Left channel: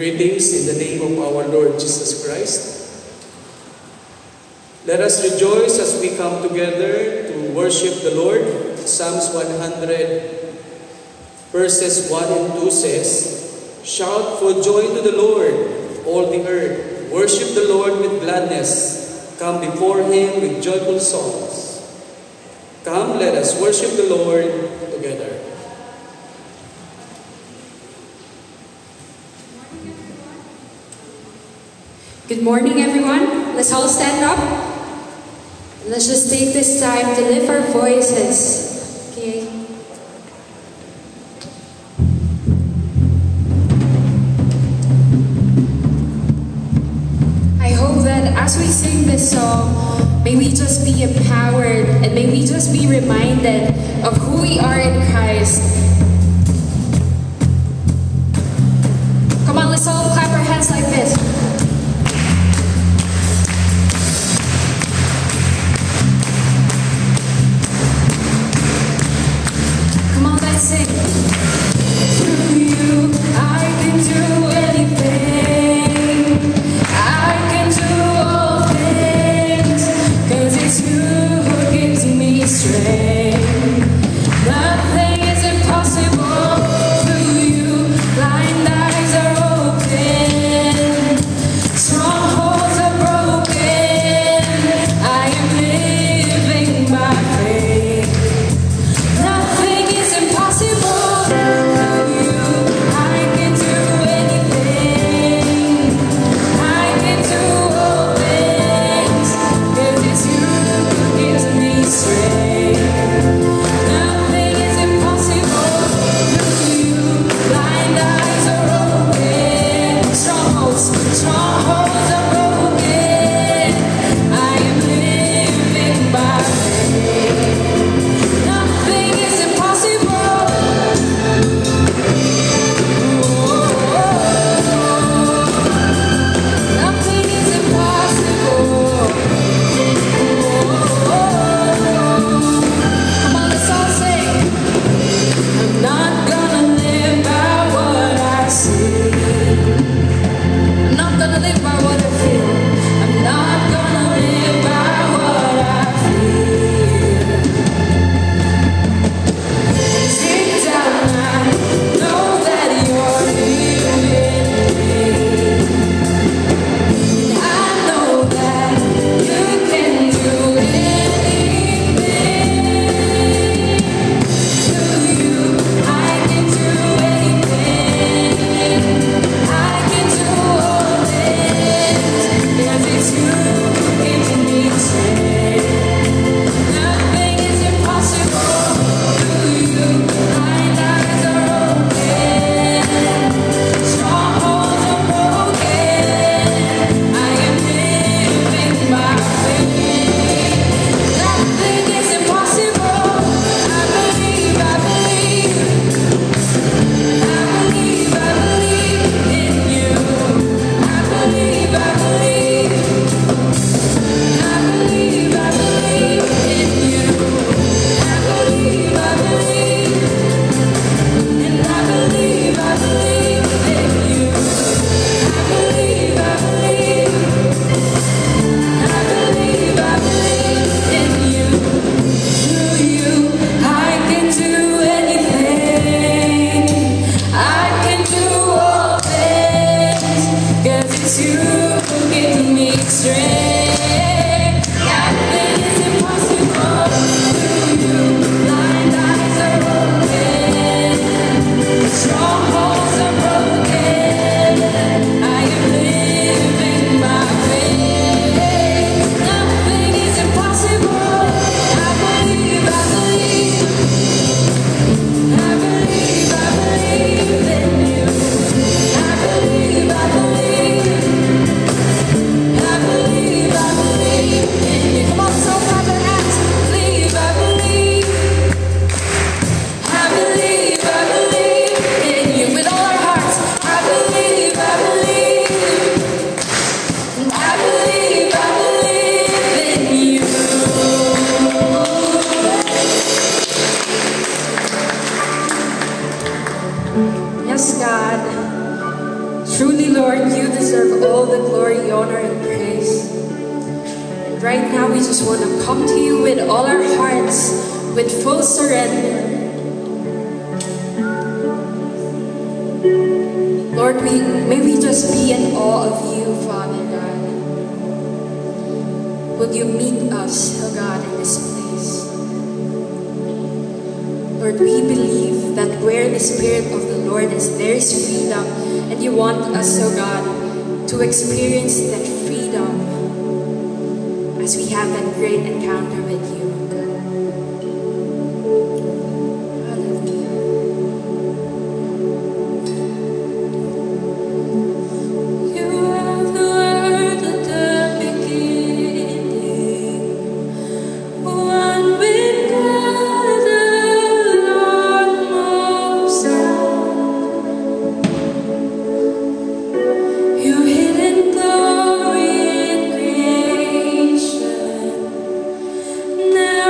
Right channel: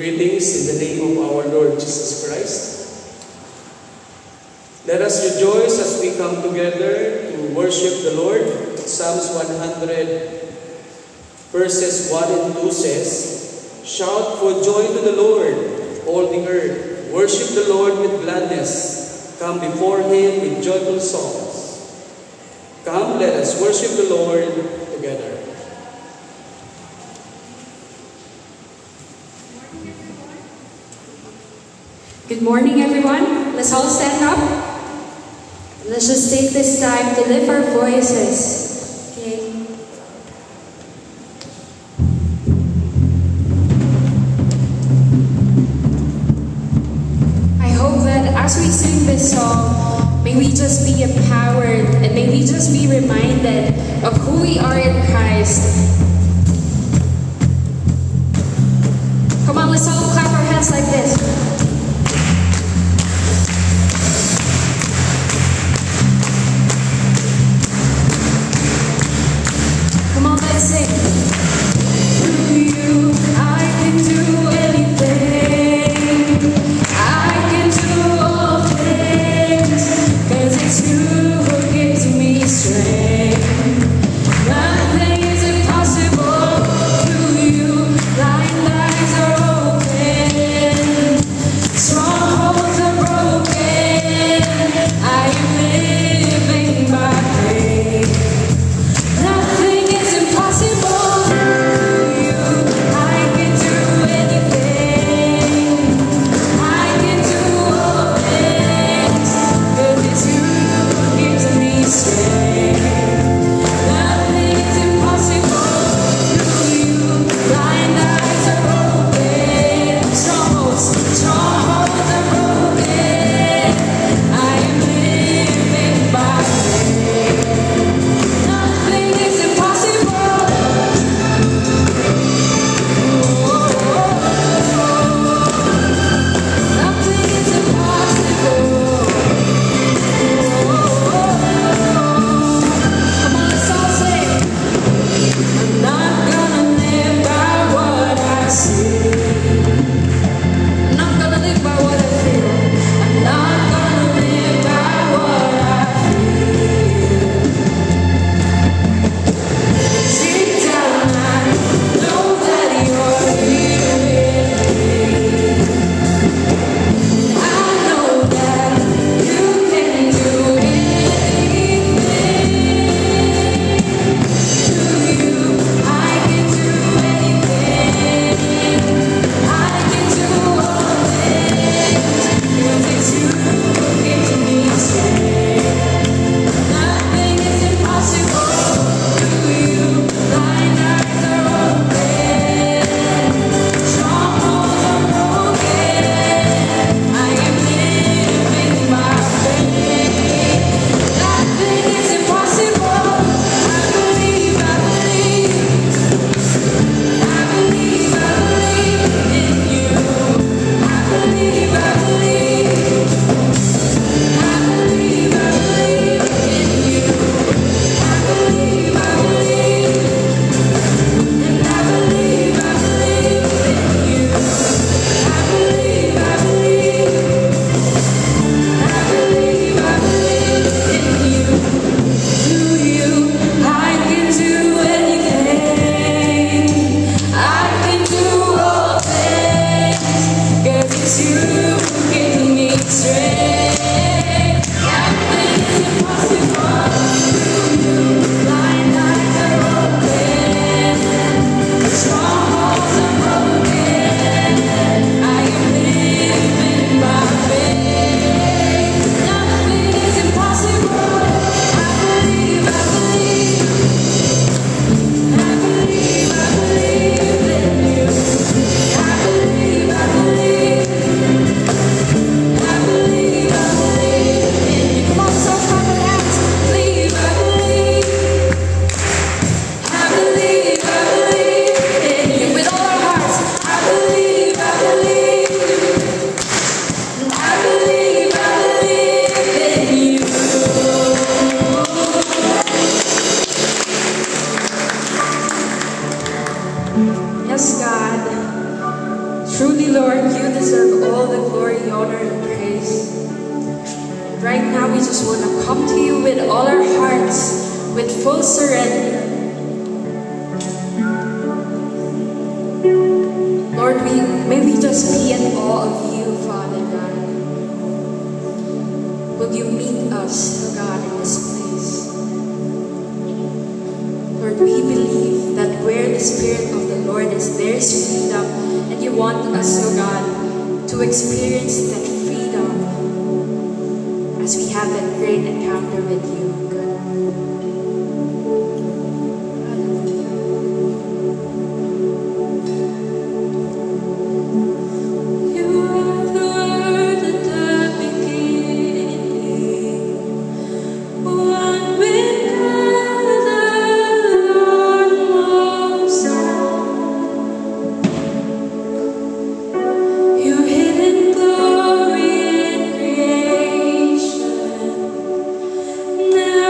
Greetings in the name of our Lord Jesus Christ. Let us rejoice as we come together to worship the Lord. Psalms 100 verses 1 and 2 says, "Shout for joy to the Lord, all the earth. Worship the Lord with gladness. Come before Him with joyful songs. Come, let us worship the Lord together." Good morning, everyone. Let's all stand up. Let's just take this time to lift our voices. Okay? I hope that as we sing this song, may we just be empowered and may we just be reminded of who we are in Christ. Come on, let's all clap our hands like this. Nothing is impossible. right now we just want to come to you with all our hearts, with full surrender. Lord, may we just be in awe of you, Father God. Will you meet us, oh God, in this place? Lord, we believe that where the Spirit of the Lord is, there is freedom. And you want us, oh God, to experience that freedom as we have that great encounter with you, oh God. Now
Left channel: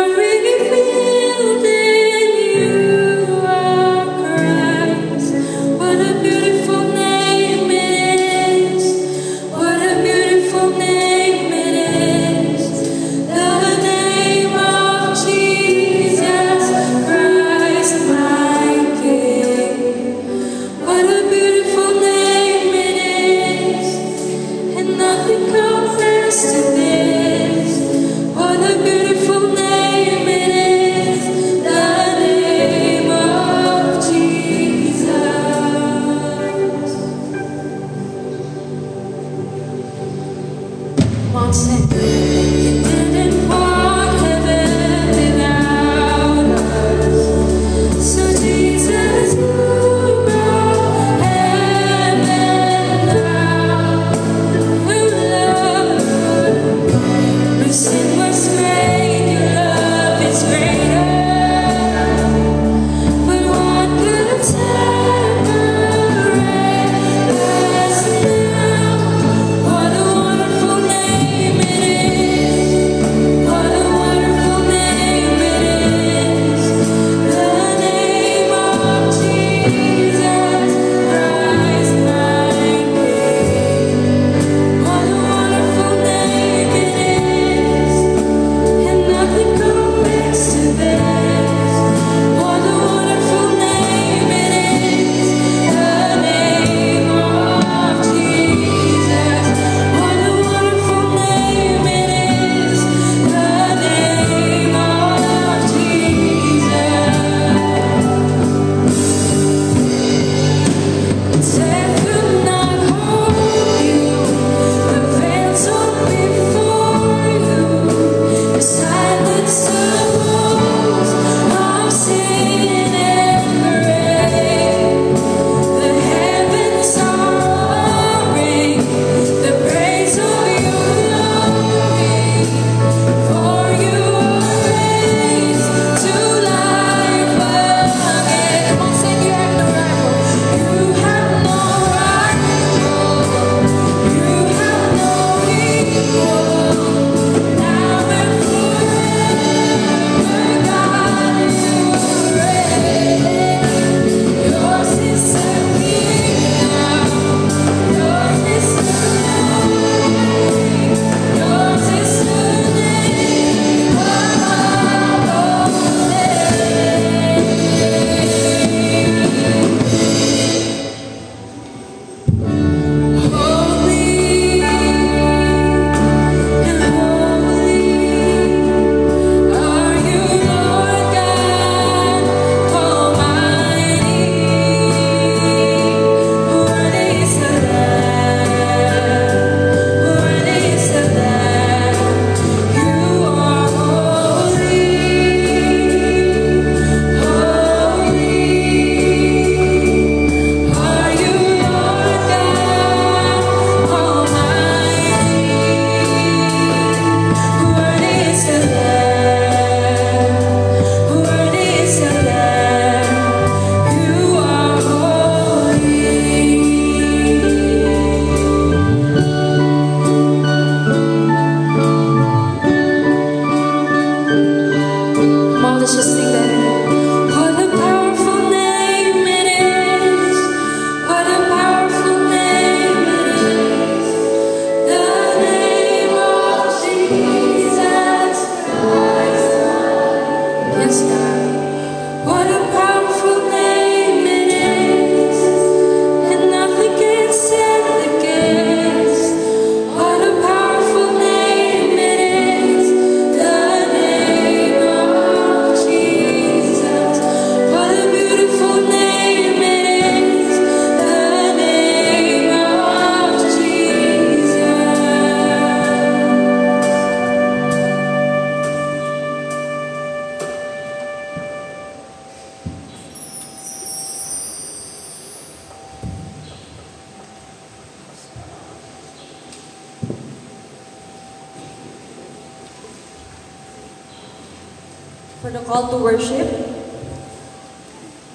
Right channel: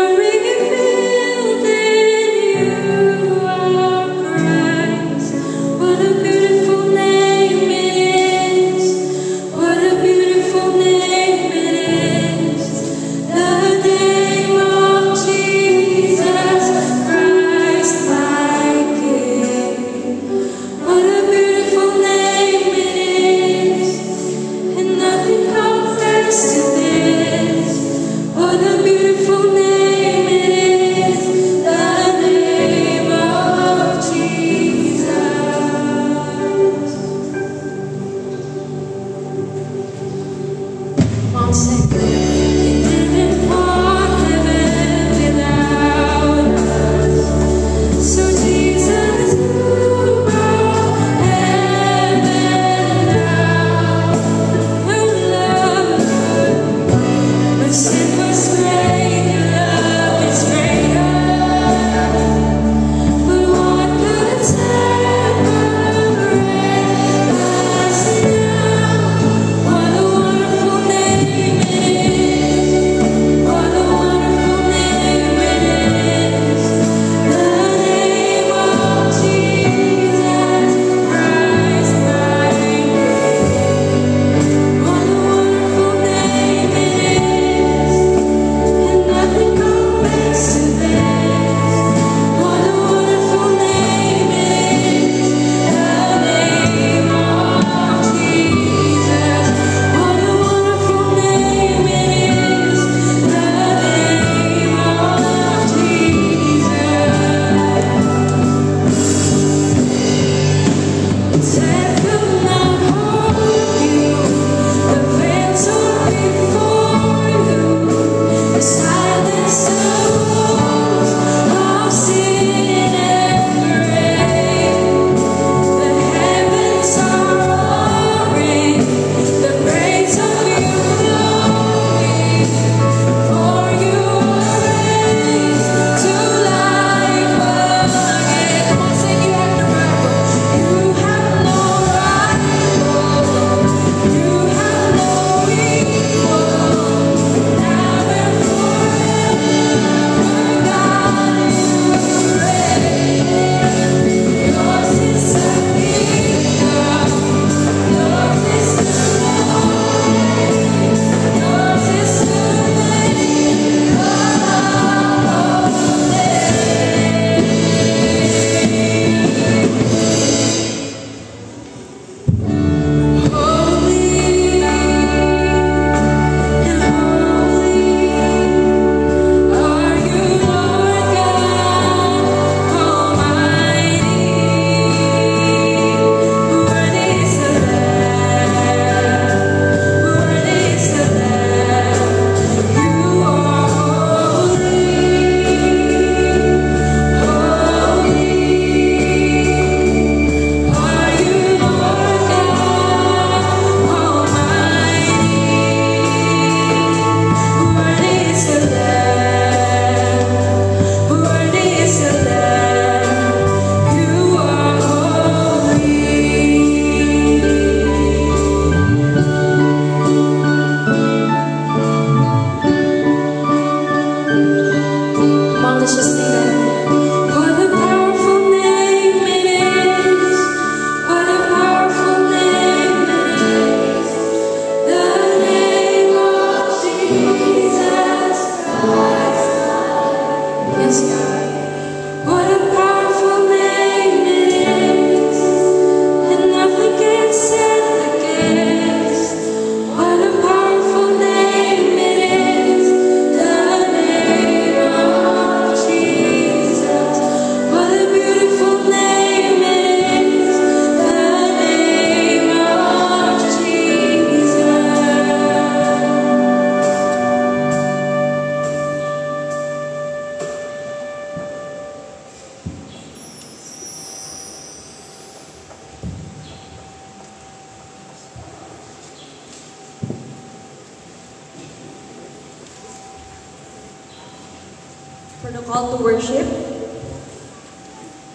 For the call to worship.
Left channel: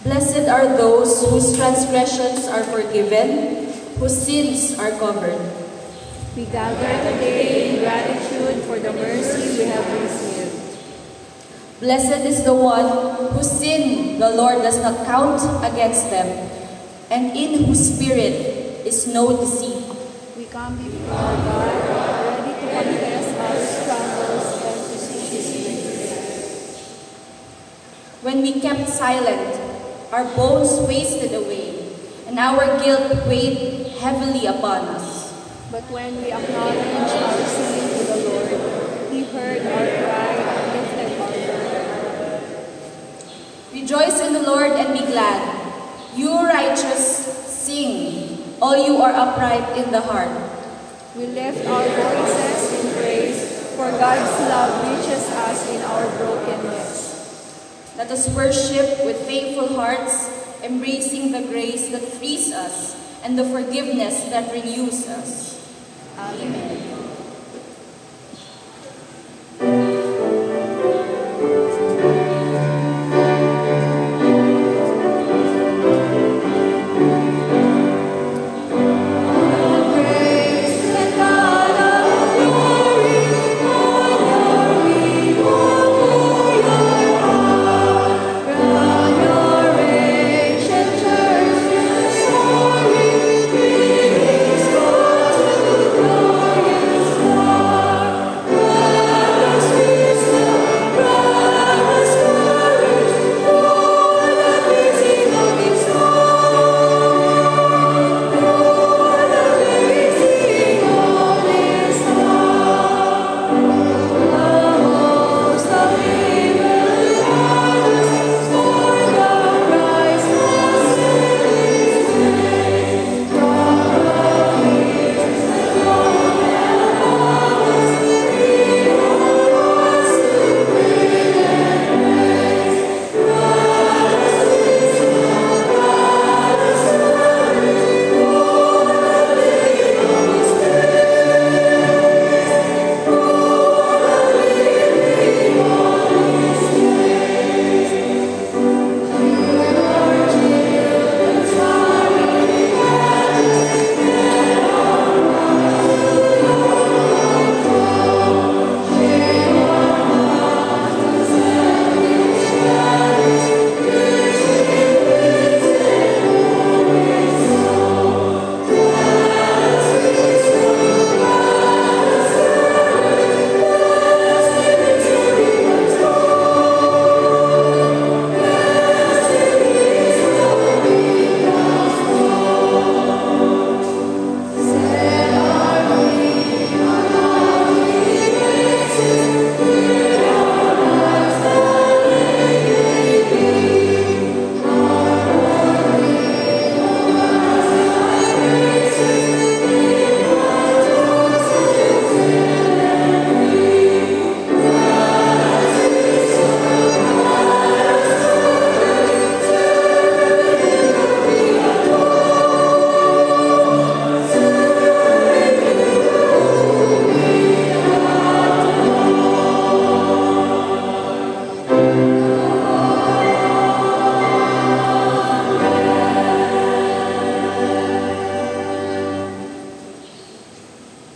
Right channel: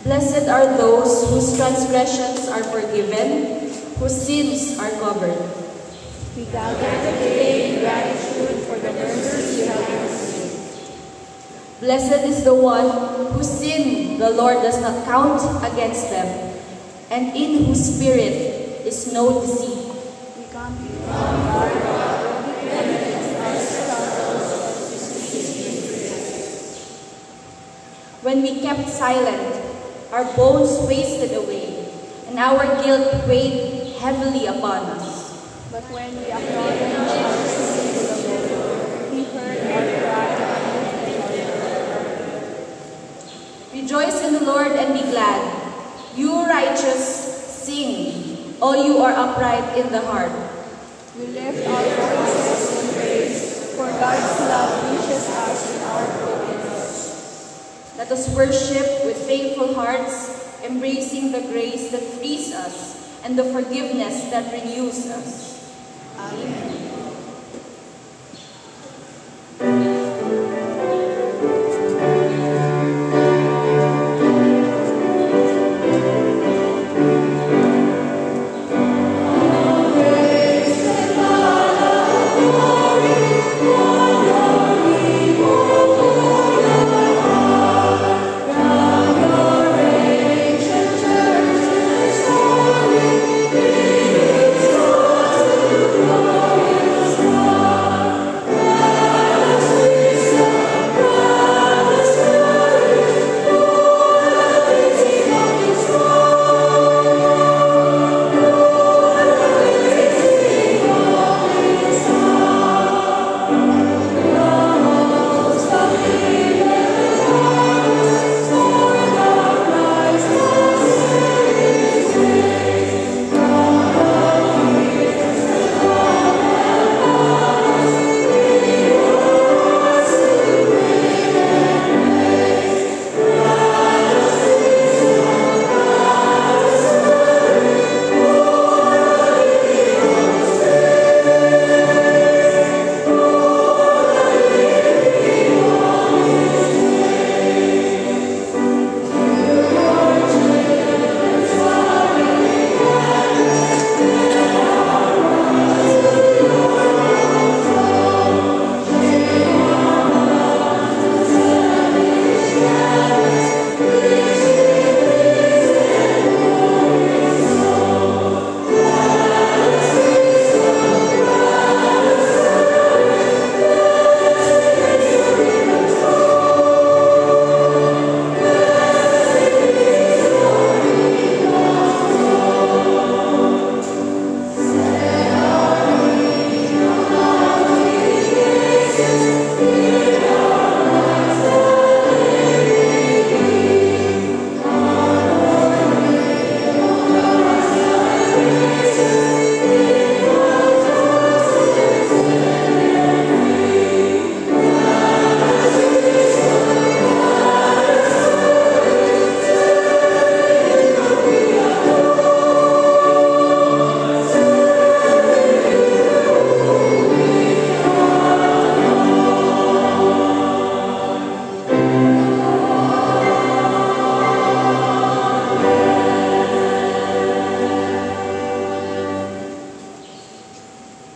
Blessed are those whose transgressions are forgiven, whose sins are covered. We gather today in gratitude for the mercy you have received. Blessed is the one whose sin the Lord does not count against them, and in whose spirit is no deceit. We come before our God, ready to confess our struggles and to seek His grace. When we kept silent, our bones wasted away, and our guilt weighed heavily upon us. But when we acknowledge our sin to the Lord, He heard our cry and lifted our burden. Rejoice in the Lord and be glad. You righteous, sing. All you are upright in the heart. We lift our voices in praise, for God's love reaches us in our brokenness. Let us worship with thankful hearts, embracing the grace that frees us and the forgiveness that renews us. Amen.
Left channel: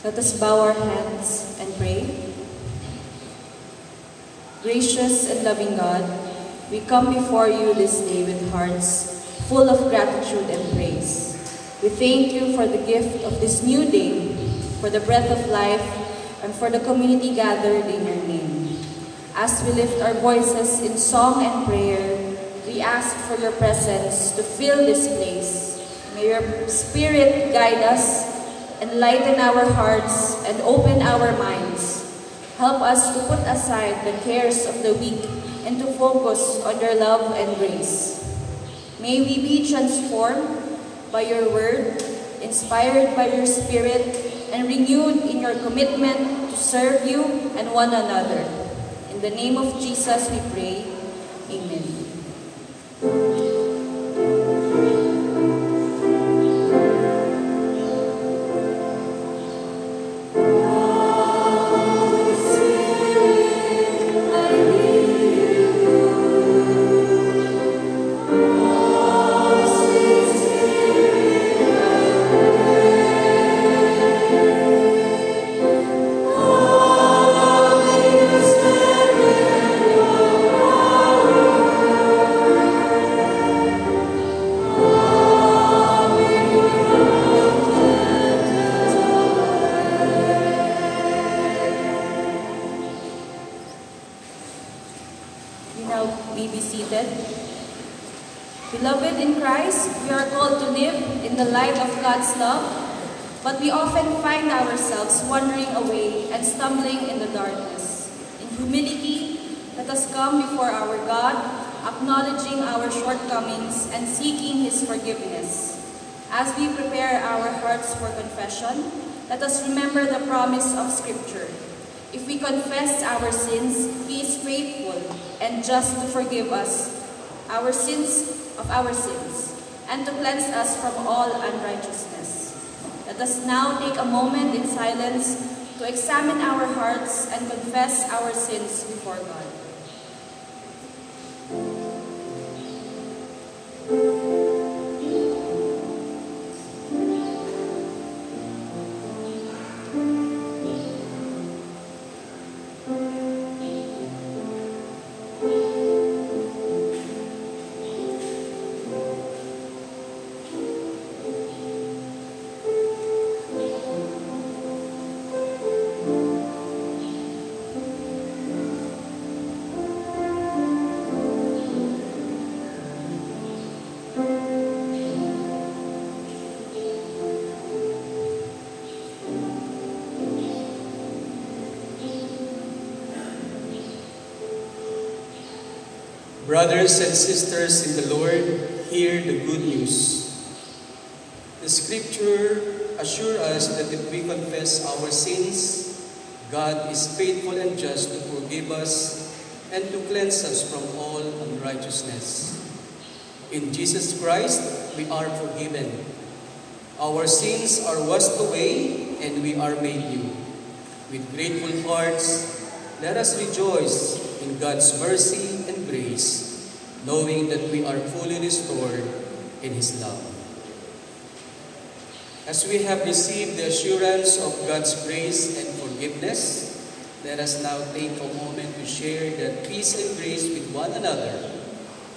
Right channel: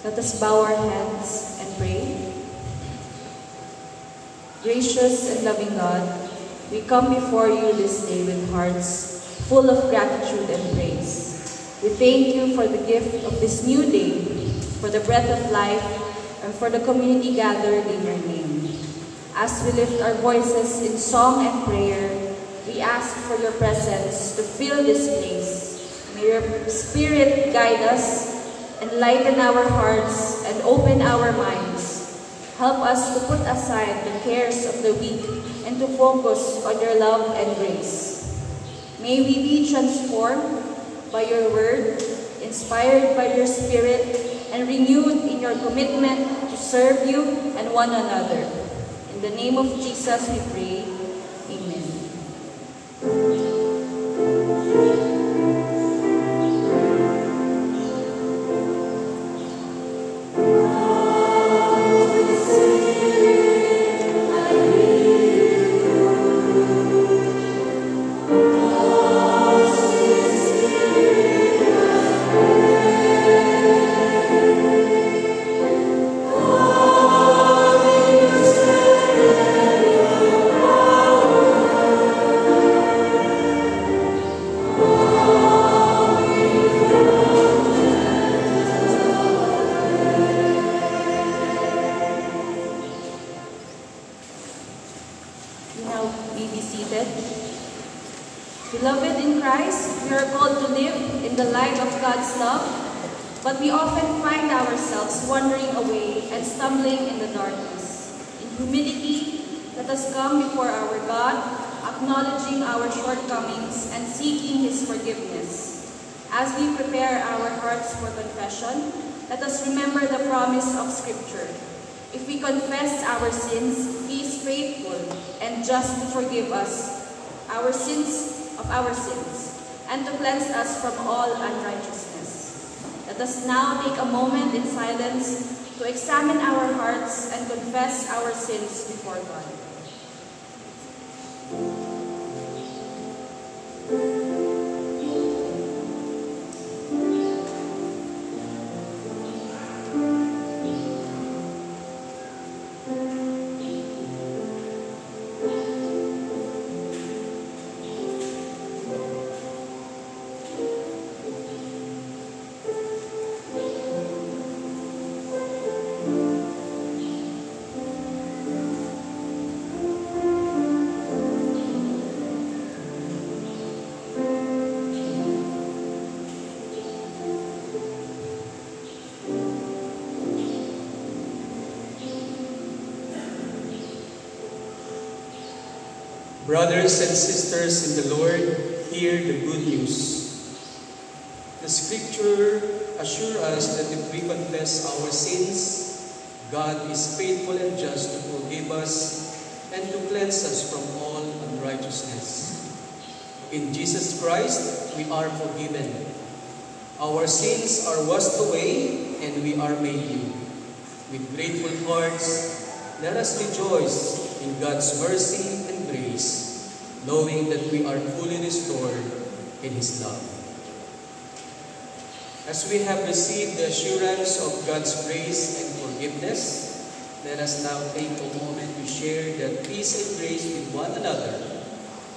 Let us bow our heads and pray. Gracious and loving God, we come before you this day with hearts full of gratitude and praise. We thank you for the gift of this new day, for the breath of life, and for the community gathered in your name. As we lift our voices in song and prayer, we ask for your presence to fill this place. May your Spirit guide us, enlighten our hearts, and open our minds. Help us to put aside the cares of the week and to focus on your love and grace. May we be transformed by your word, inspired by your Spirit, and renewed in your commitment to serve you and one another. In the name of Jesus we pray. Amen. I need you. Now may be seated. Beloved in Christ, we are called to live in the light of God's love, but we often find ourselves wandering away and stumbling in the darkness. In humility, let us come before our God, acknowledging our shortcomings and seeking His forgiveness. As we prepare our hearts for confession, let us remember the promise of Scripture. If we confess our sins, He is faithful and just to forgive us our sins and to cleanse us from all unrighteousness. Let us now take a moment in silence to examine our hearts and confess our sins before God. Brothers and sisters in the Lord, hear the good news. The Scripture assures us that if we confess our sins, God is faithful and just to forgive us and to cleanse us from all unrighteousness. In Jesus Christ, we are forgiven. Our sins are washed away and we are made new. With grateful hearts, let us rejoice in God's mercy and grace, knowing that we are fully restored in His love. As we have received the assurance of God's grace and forgiveness, let us now take a moment to share that peace and grace with one another.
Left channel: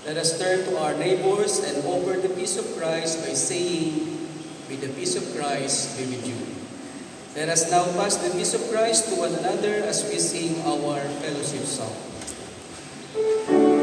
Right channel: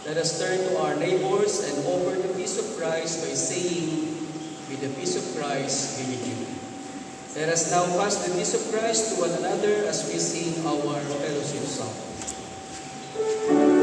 Let us turn to our neighbors and offer the peace of Christ by saying, "May the peace of Christ be with you." Let us now pass the peace of Christ to one another as we sing our fellowship song. Thank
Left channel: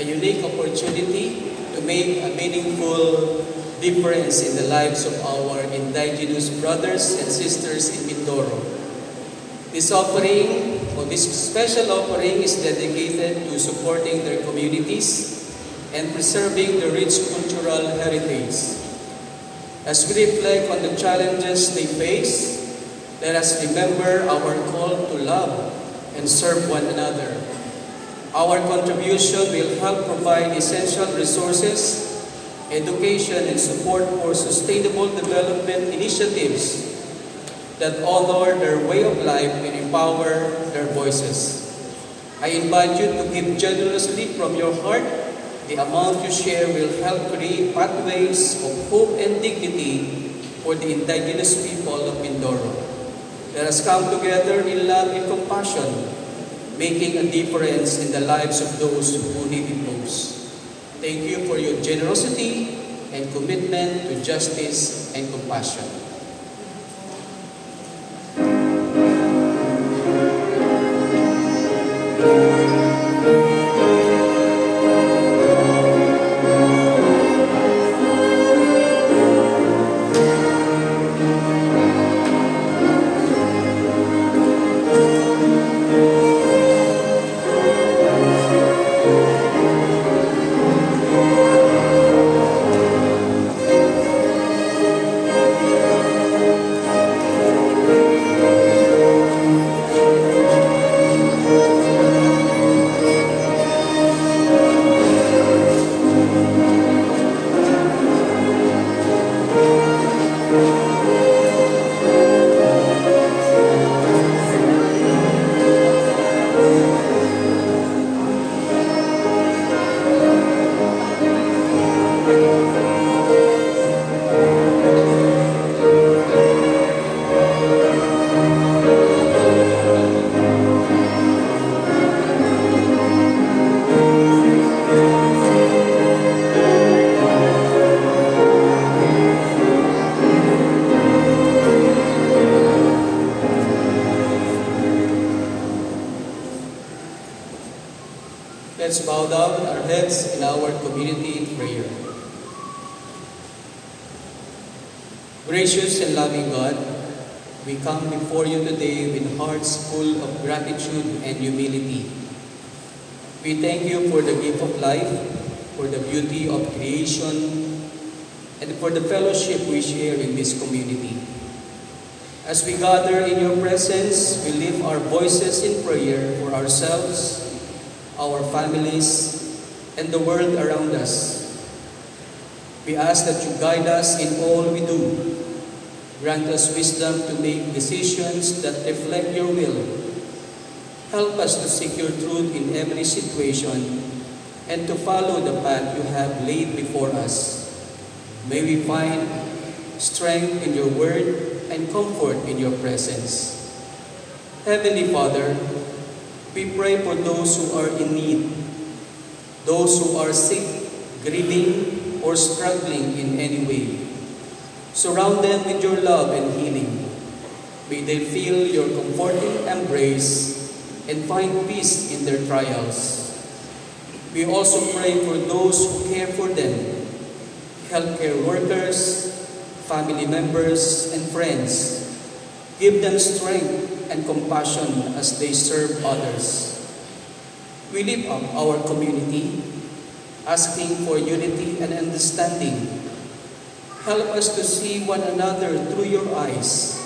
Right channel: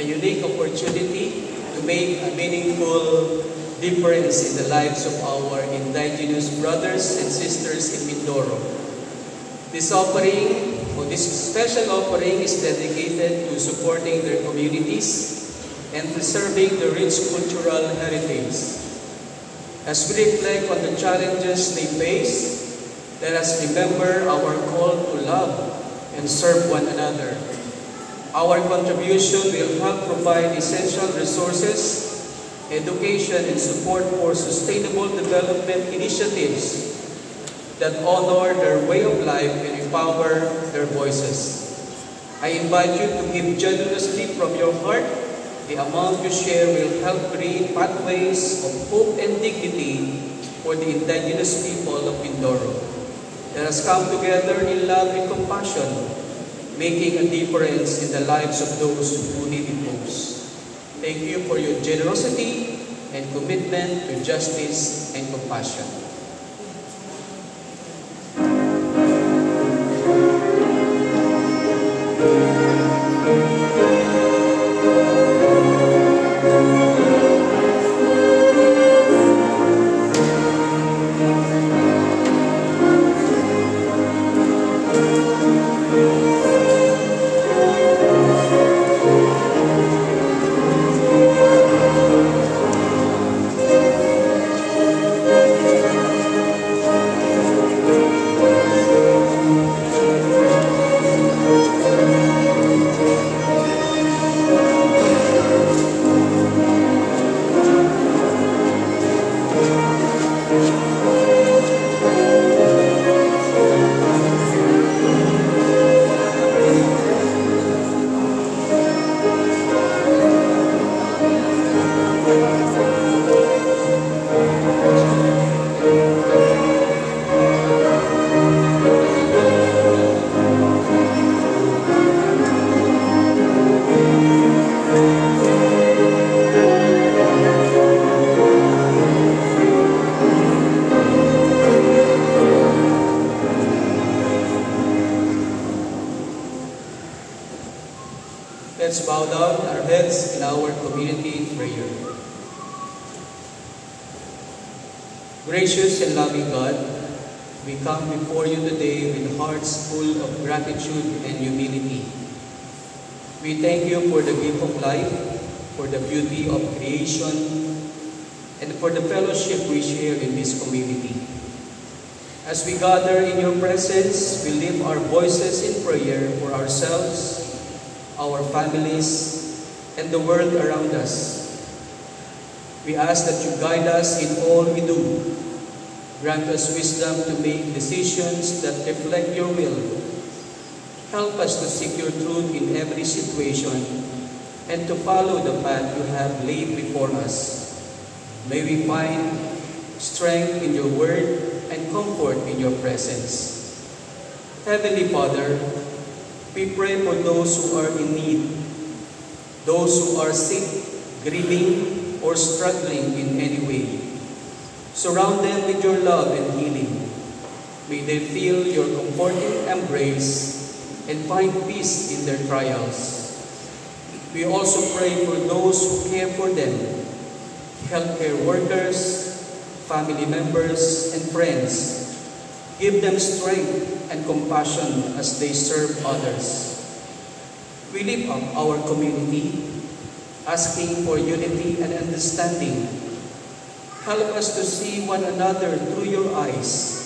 a unique opportunity to make a meaningful difference in the lives of our indigenous brothers and sisters in Mindoro. This offering, or this special offering, is dedicated to supporting their communities and preserving the rich cultural heritage. As we reflect on the challenges they face, let us remember our call to love and serve one another. Our contribution will help provide essential resources, education, and support for sustainable development initiatives that honor their way of life and empower their voices. I invite you to give generously from your heart. The amount you share will help create pathways of hope and dignity for the indigenous people of Mindoro. Let us come together in love and compassion, making a difference in the lives of those who live in those. Thank you for your generosity and commitment to justice and compassion. Let's bow down our heads in our community prayer. Gracious and loving God, we come before you today with hearts full of gratitude and humility. We thank you for the gift of life, for the beauty of creation, and for the fellowship we share in this community. As we gather in your presence, we lift our voices in prayer for ourselves, our families, and the world around us. We ask that you guide us in all we do. Grant us wisdom to make decisions that reflect your will. Help us to seek your truth in every situation and to follow the path you have laid before us. May we find strength in your word and comfort in your presence. Heavenly Father, we pray for those who are in need, those who are sick, grieving, or struggling in any way. Surround them with your love and healing. May they feel your comforting embrace and find peace in their trials. We also pray for those who care for them, healthcare workers, family members, and friends. Give them strength and compassion as they serve others. We lift up our community, asking for unity and understanding. Help us to see one another through your eyes,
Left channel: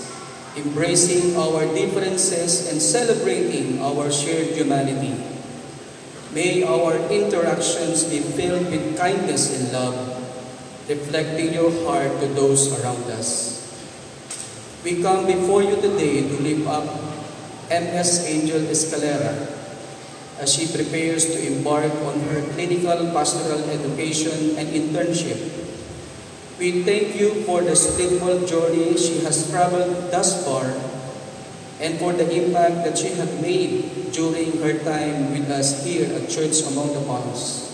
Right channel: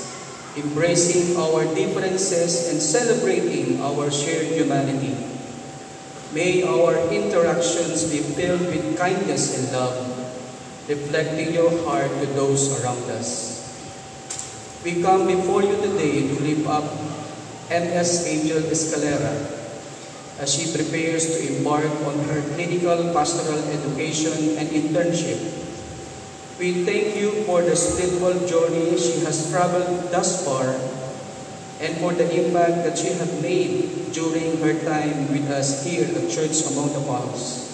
embracing our differences and celebrating our shared humanity. May our interactions be filled with kindness and love, reflecting your heart to those around us. We come before you today to lift up MS Angel Escalera as she prepares to embark on her clinical pastoral education and internship. We thank you for the spiritual journey she has traveled thus far and for the impact that she has made during her time with us here at Church Among the Palms.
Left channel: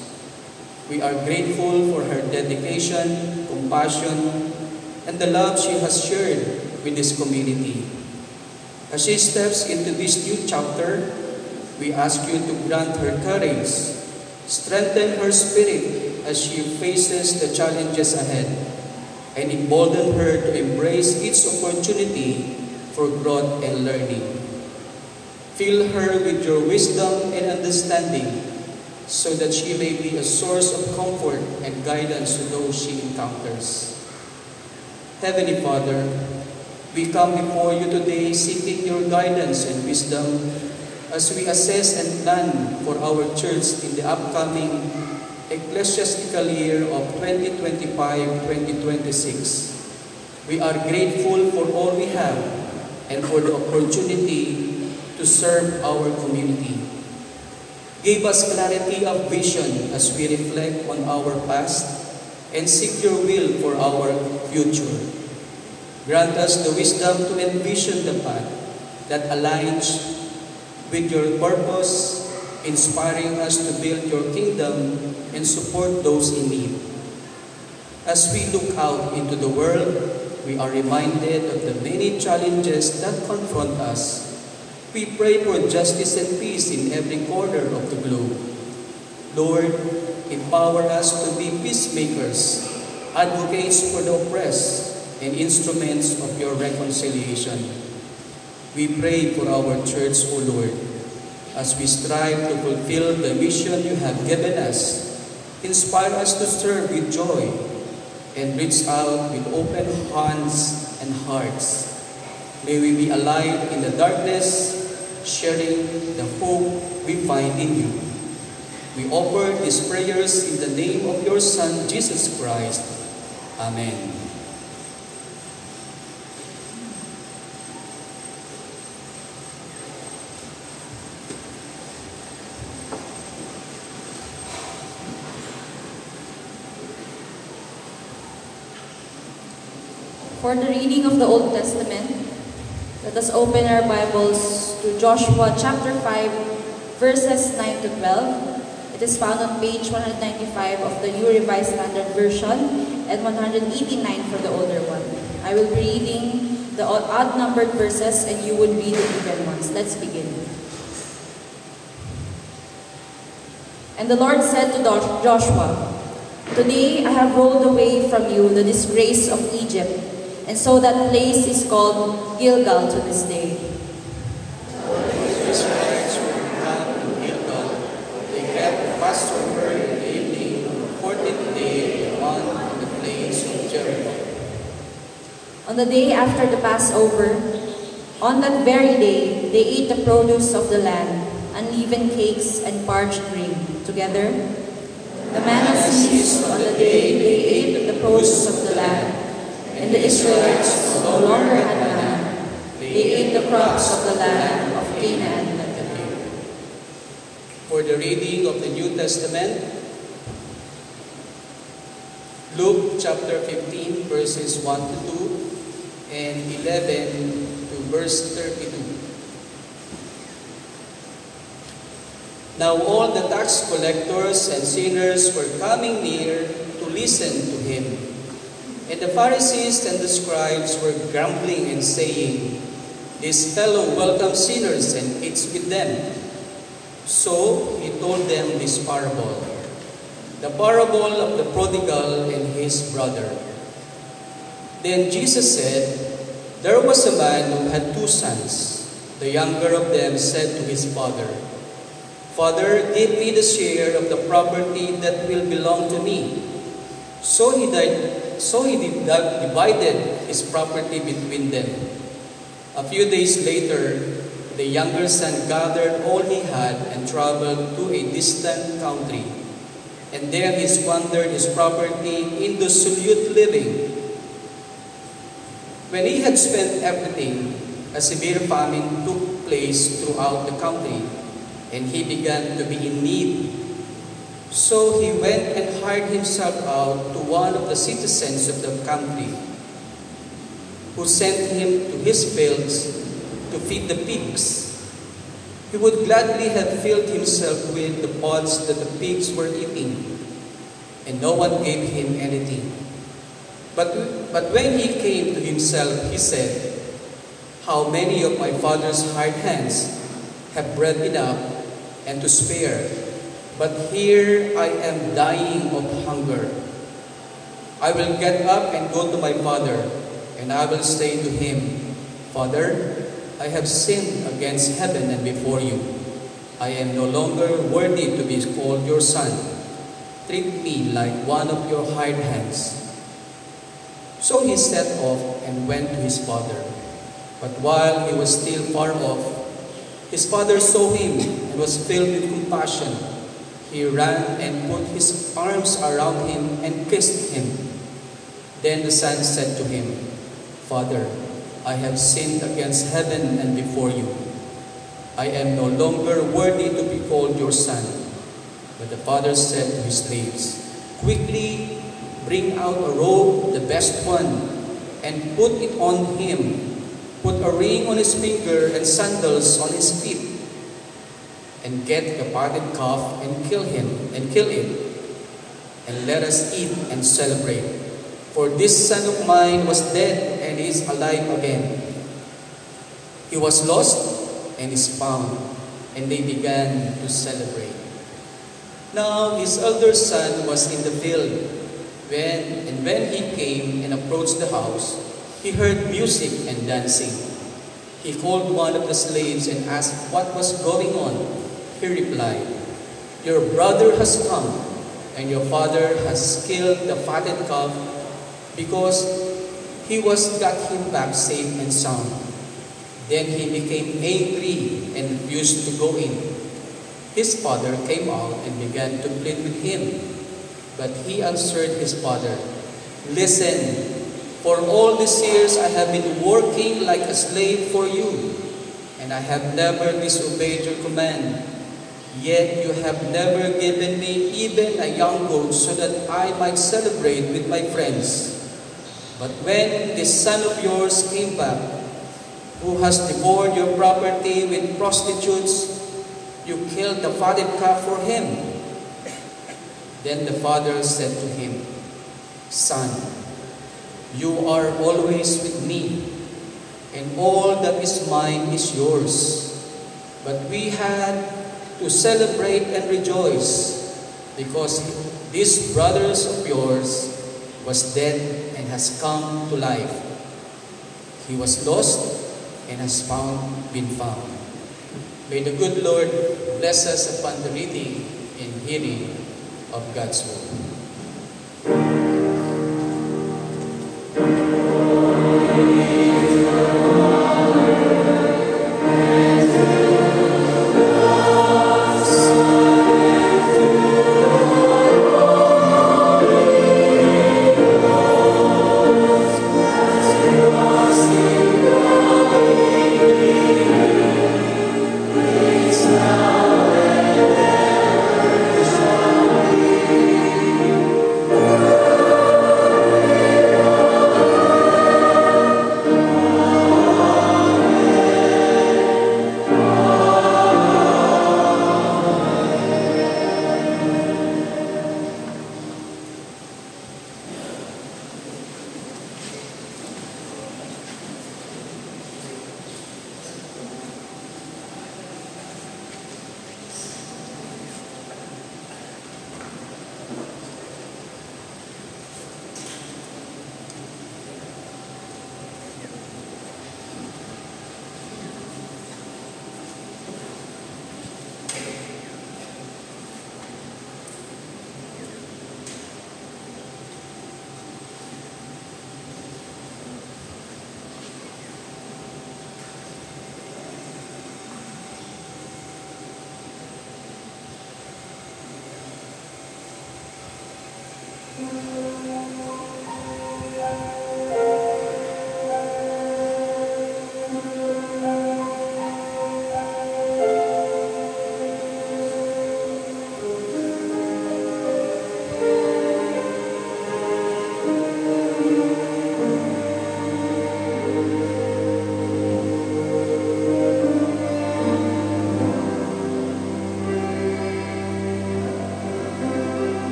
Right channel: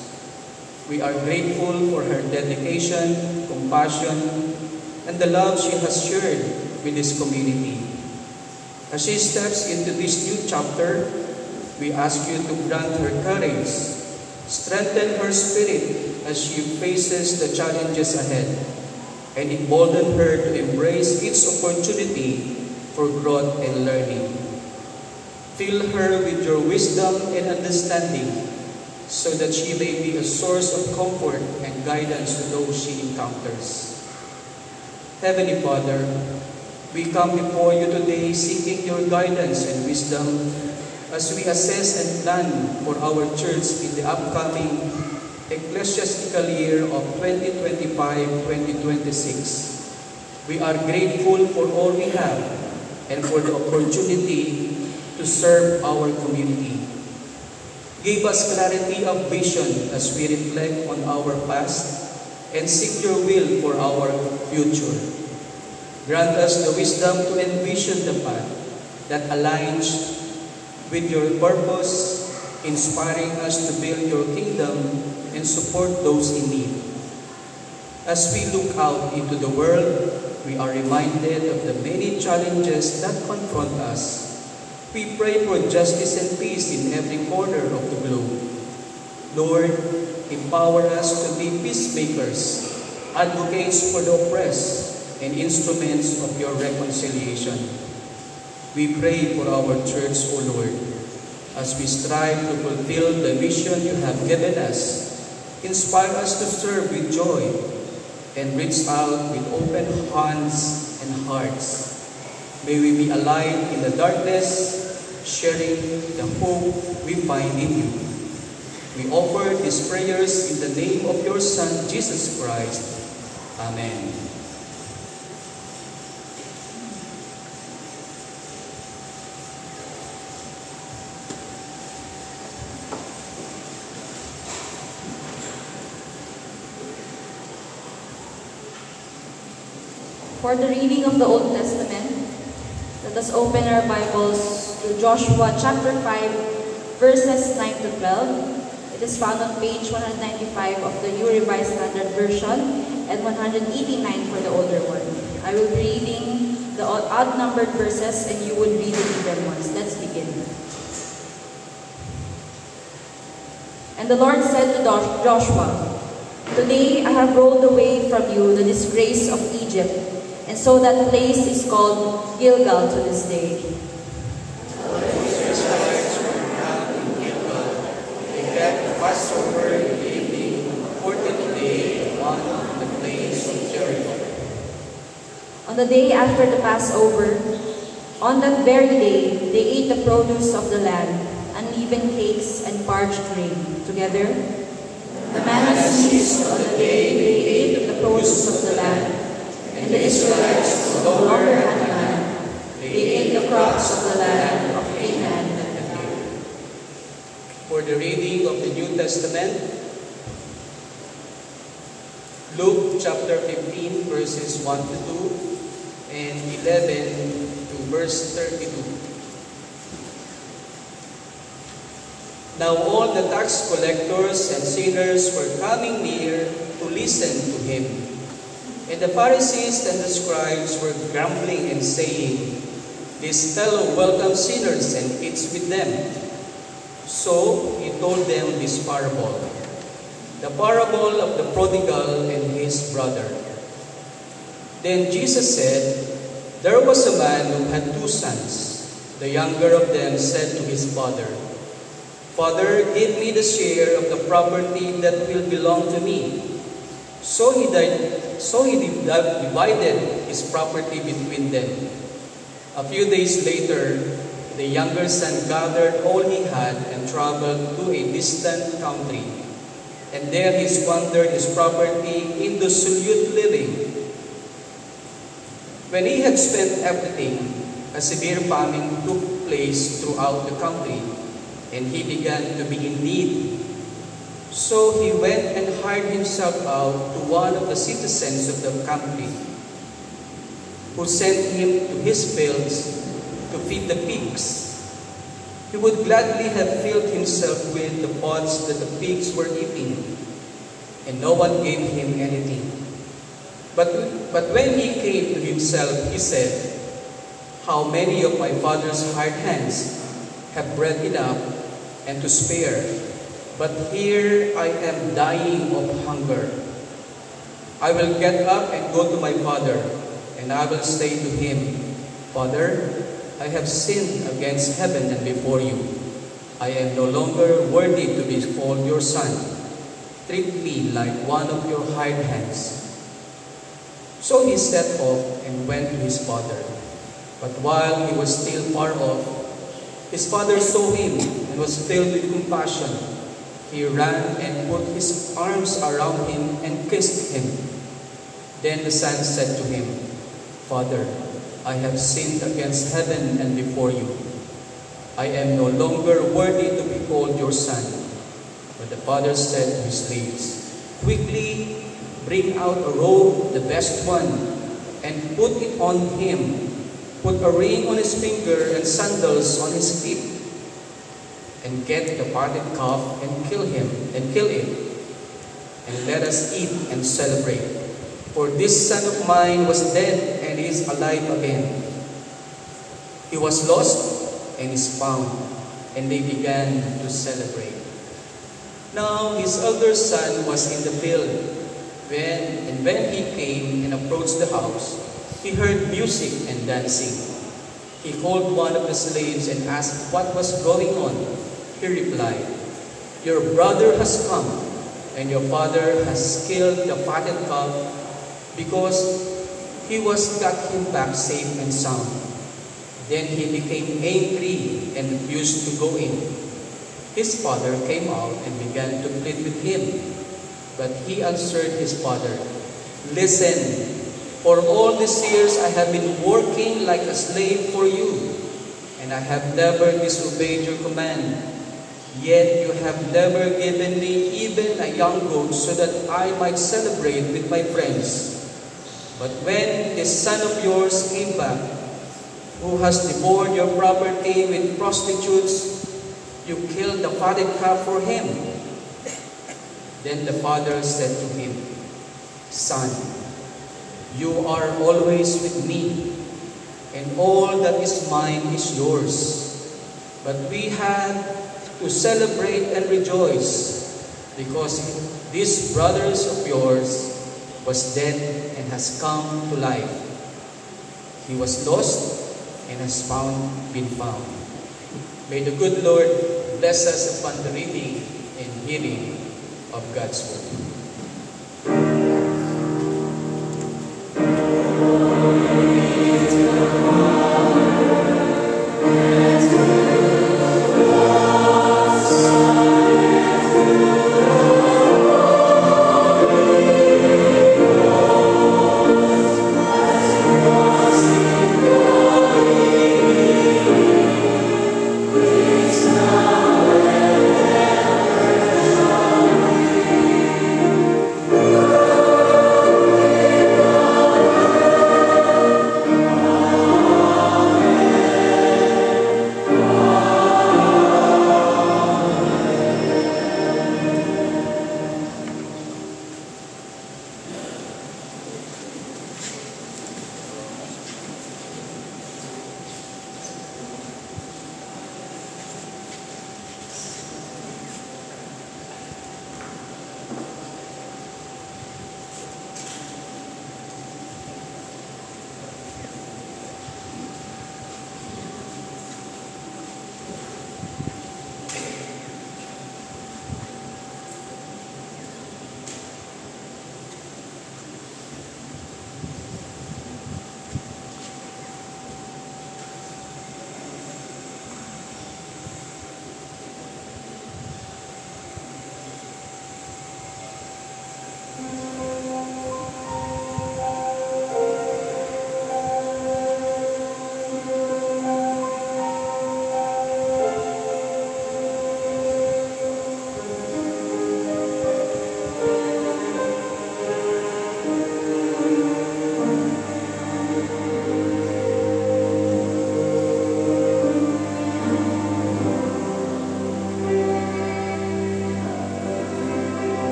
We are grateful for her dedication, compassion, and the love she has shared with this community. As she steps into this new chapter, we ask you to grant her courage, Strengthen her spirit as she faces the challenges ahead, and embolden her to embrace each opportunity for growth and learning. Fill her with your wisdom and understanding, so that she may be a source of comfort and guidance to those she encounters. Heavenly Father, we come before you today seeking your guidance and wisdom as we assess and plan for our church in the upcoming ecclesiastical year of 2025-2026. We are grateful for all we have and for the opportunity to serve our community. Give us clarity of vision as we reflect on our past and seek your will for our future. Grant us the wisdom to envision the path that aligns with your purpose, inspiring us to build your kingdom and support those in need. As we look out into the world, we are reminded of the many challenges that confront us. We pray for justice and peace in every corner of the globe. Lord, empower us to be peacemakers, advocates for the oppressed, and instruments of your reconciliation. We pray for our church, O Lord, as we strive to fulfill the mission you have given us. Inspire us to serve with joy and reach out with open hands and hearts. May we be alive in the darkness, sharing the hope we find in you. We offer these prayers in the name of your Son, Jesus Christ. Amen. For the reading of the Old Testament, let us open our Bibles to Joshua chapter 5, verses 9 to 12. It is found on page 195 of the New Revised Standard Version and 189 for the older one. I will be reading the odd-numbered verses and you will read the even ones. Let's begin. And the Lord said to Joshua, "Today I have rolled away from you the disgrace of Egypt, and so that place is called Gilgal to this day." The Israelites were camped in Gilgal. They kept Passover in the evening on the 14th day on the plains of Jericho. On the day after the Passover, on that very day, they ate the produce of the land, unleavened cakes and parched grain together. The manna ceased on the day they ate the produce of the land, and the Israelites no longer had manna. They ate the crops of the land of Canaan and the hill. For the reading of the New Testament, Luke chapter 15, verses 1 to 2, and 11 to verse 32. Now all the tax collectors and sinners were coming near to listen to him. And the Pharisees and the scribes were grumbling and saying, "This fellow welcomes sinners and eats with them." So he told them this parable, the parable of the prodigal and his brother. Then Jesus said, "There was a man who had 2 sons. The younger of them said to his father, 'Father, give me the share of the property that will belong to me.' So he divided his property between them. A few days later, the younger son gathered all he had and traveled to a distant country. And there he squandered his property in dissolute living. When he had spent everything, a severe famine took place throughout the country, and he began to be in need. So he went and hired himself out to one of the citizens of the country, who sent him to his fields to feed the pigs. He would gladly have filled himself with the pods that the pigs were eating, and no one gave him anything. But when he came to himself, he said, "How many of my father's hired hands have bread enough and to spare, but here I am dying of hunger. I will get up and go to my father, and I will say to him, Father, I have sinned against heaven and before you. I am no longer worthy to be called your son. Treat me like one of your hired hands. So he set off and went to his father. But while he was still far off, his father saw him and was filled with compassion. He ran and put his arms around him and kissed him. Then the son said to him, Father, I have sinned against heaven and before you. I am no longer worthy to be called your son. But the father said to his slaves, Quickly bring out a robe, the best one, and put it on him. Put a ring on his finger and sandals on his feet. And get the fatted calf and kill it. And let us eat and celebrate. For this son of mine was dead and is alive again. He was lost and is found. And they began to celebrate. Now his elder son was in the field. When he came and approached the house, he heard music and dancing. He called one of the slaves and asked what was going on. He replied, Your brother has come, and your father has killed the fatted calf because he got him back safe and sound. Then he became angry and refused to go in. His father came out and began to plead with him. But he answered his father, Listen, for all these years I have been working like a slave for you, and I have never disobeyed your command. Yet you have never given me even a young goat so that I might celebrate with my friends. But when this son of yours came back, who has devoured your property with prostitutes, you killed the fatted calf for him. Then the father said to him, Son, you are always with me, and all that is mine is yours. But we had to celebrate and rejoice, because this brother of yours was dead and has come to life. He was lost and has been found. May the good Lord bless us upon the reading and hearing of God's word.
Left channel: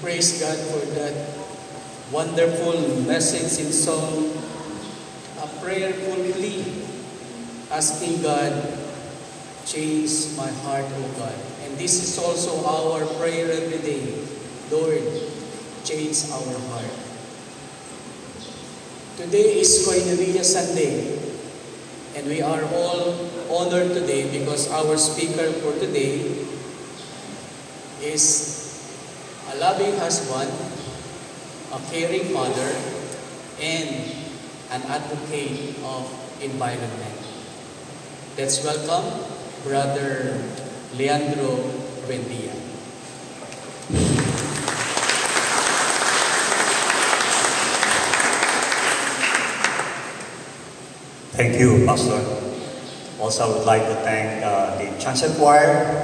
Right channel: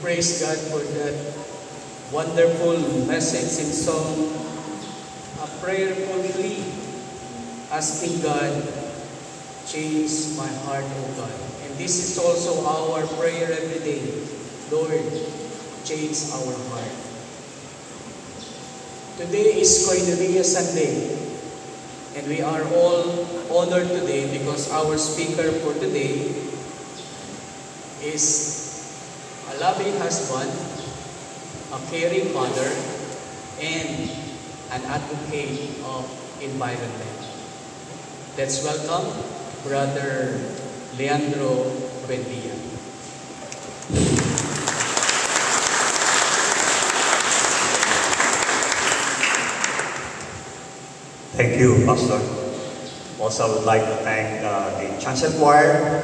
praise God for that wonderful message and song, a prayerful plea, asking God, change my heart, O God. And this is also our prayer every day. Lord, change our heart. Today is Koinonia Sunday, and we are all honored today because our speaker for today is a loving husband, a caring father, and an advocate of environment. Let's welcome Brother Leandro Buendia. Thank you, Pastor. Also, I would like to thank the Chancel Choir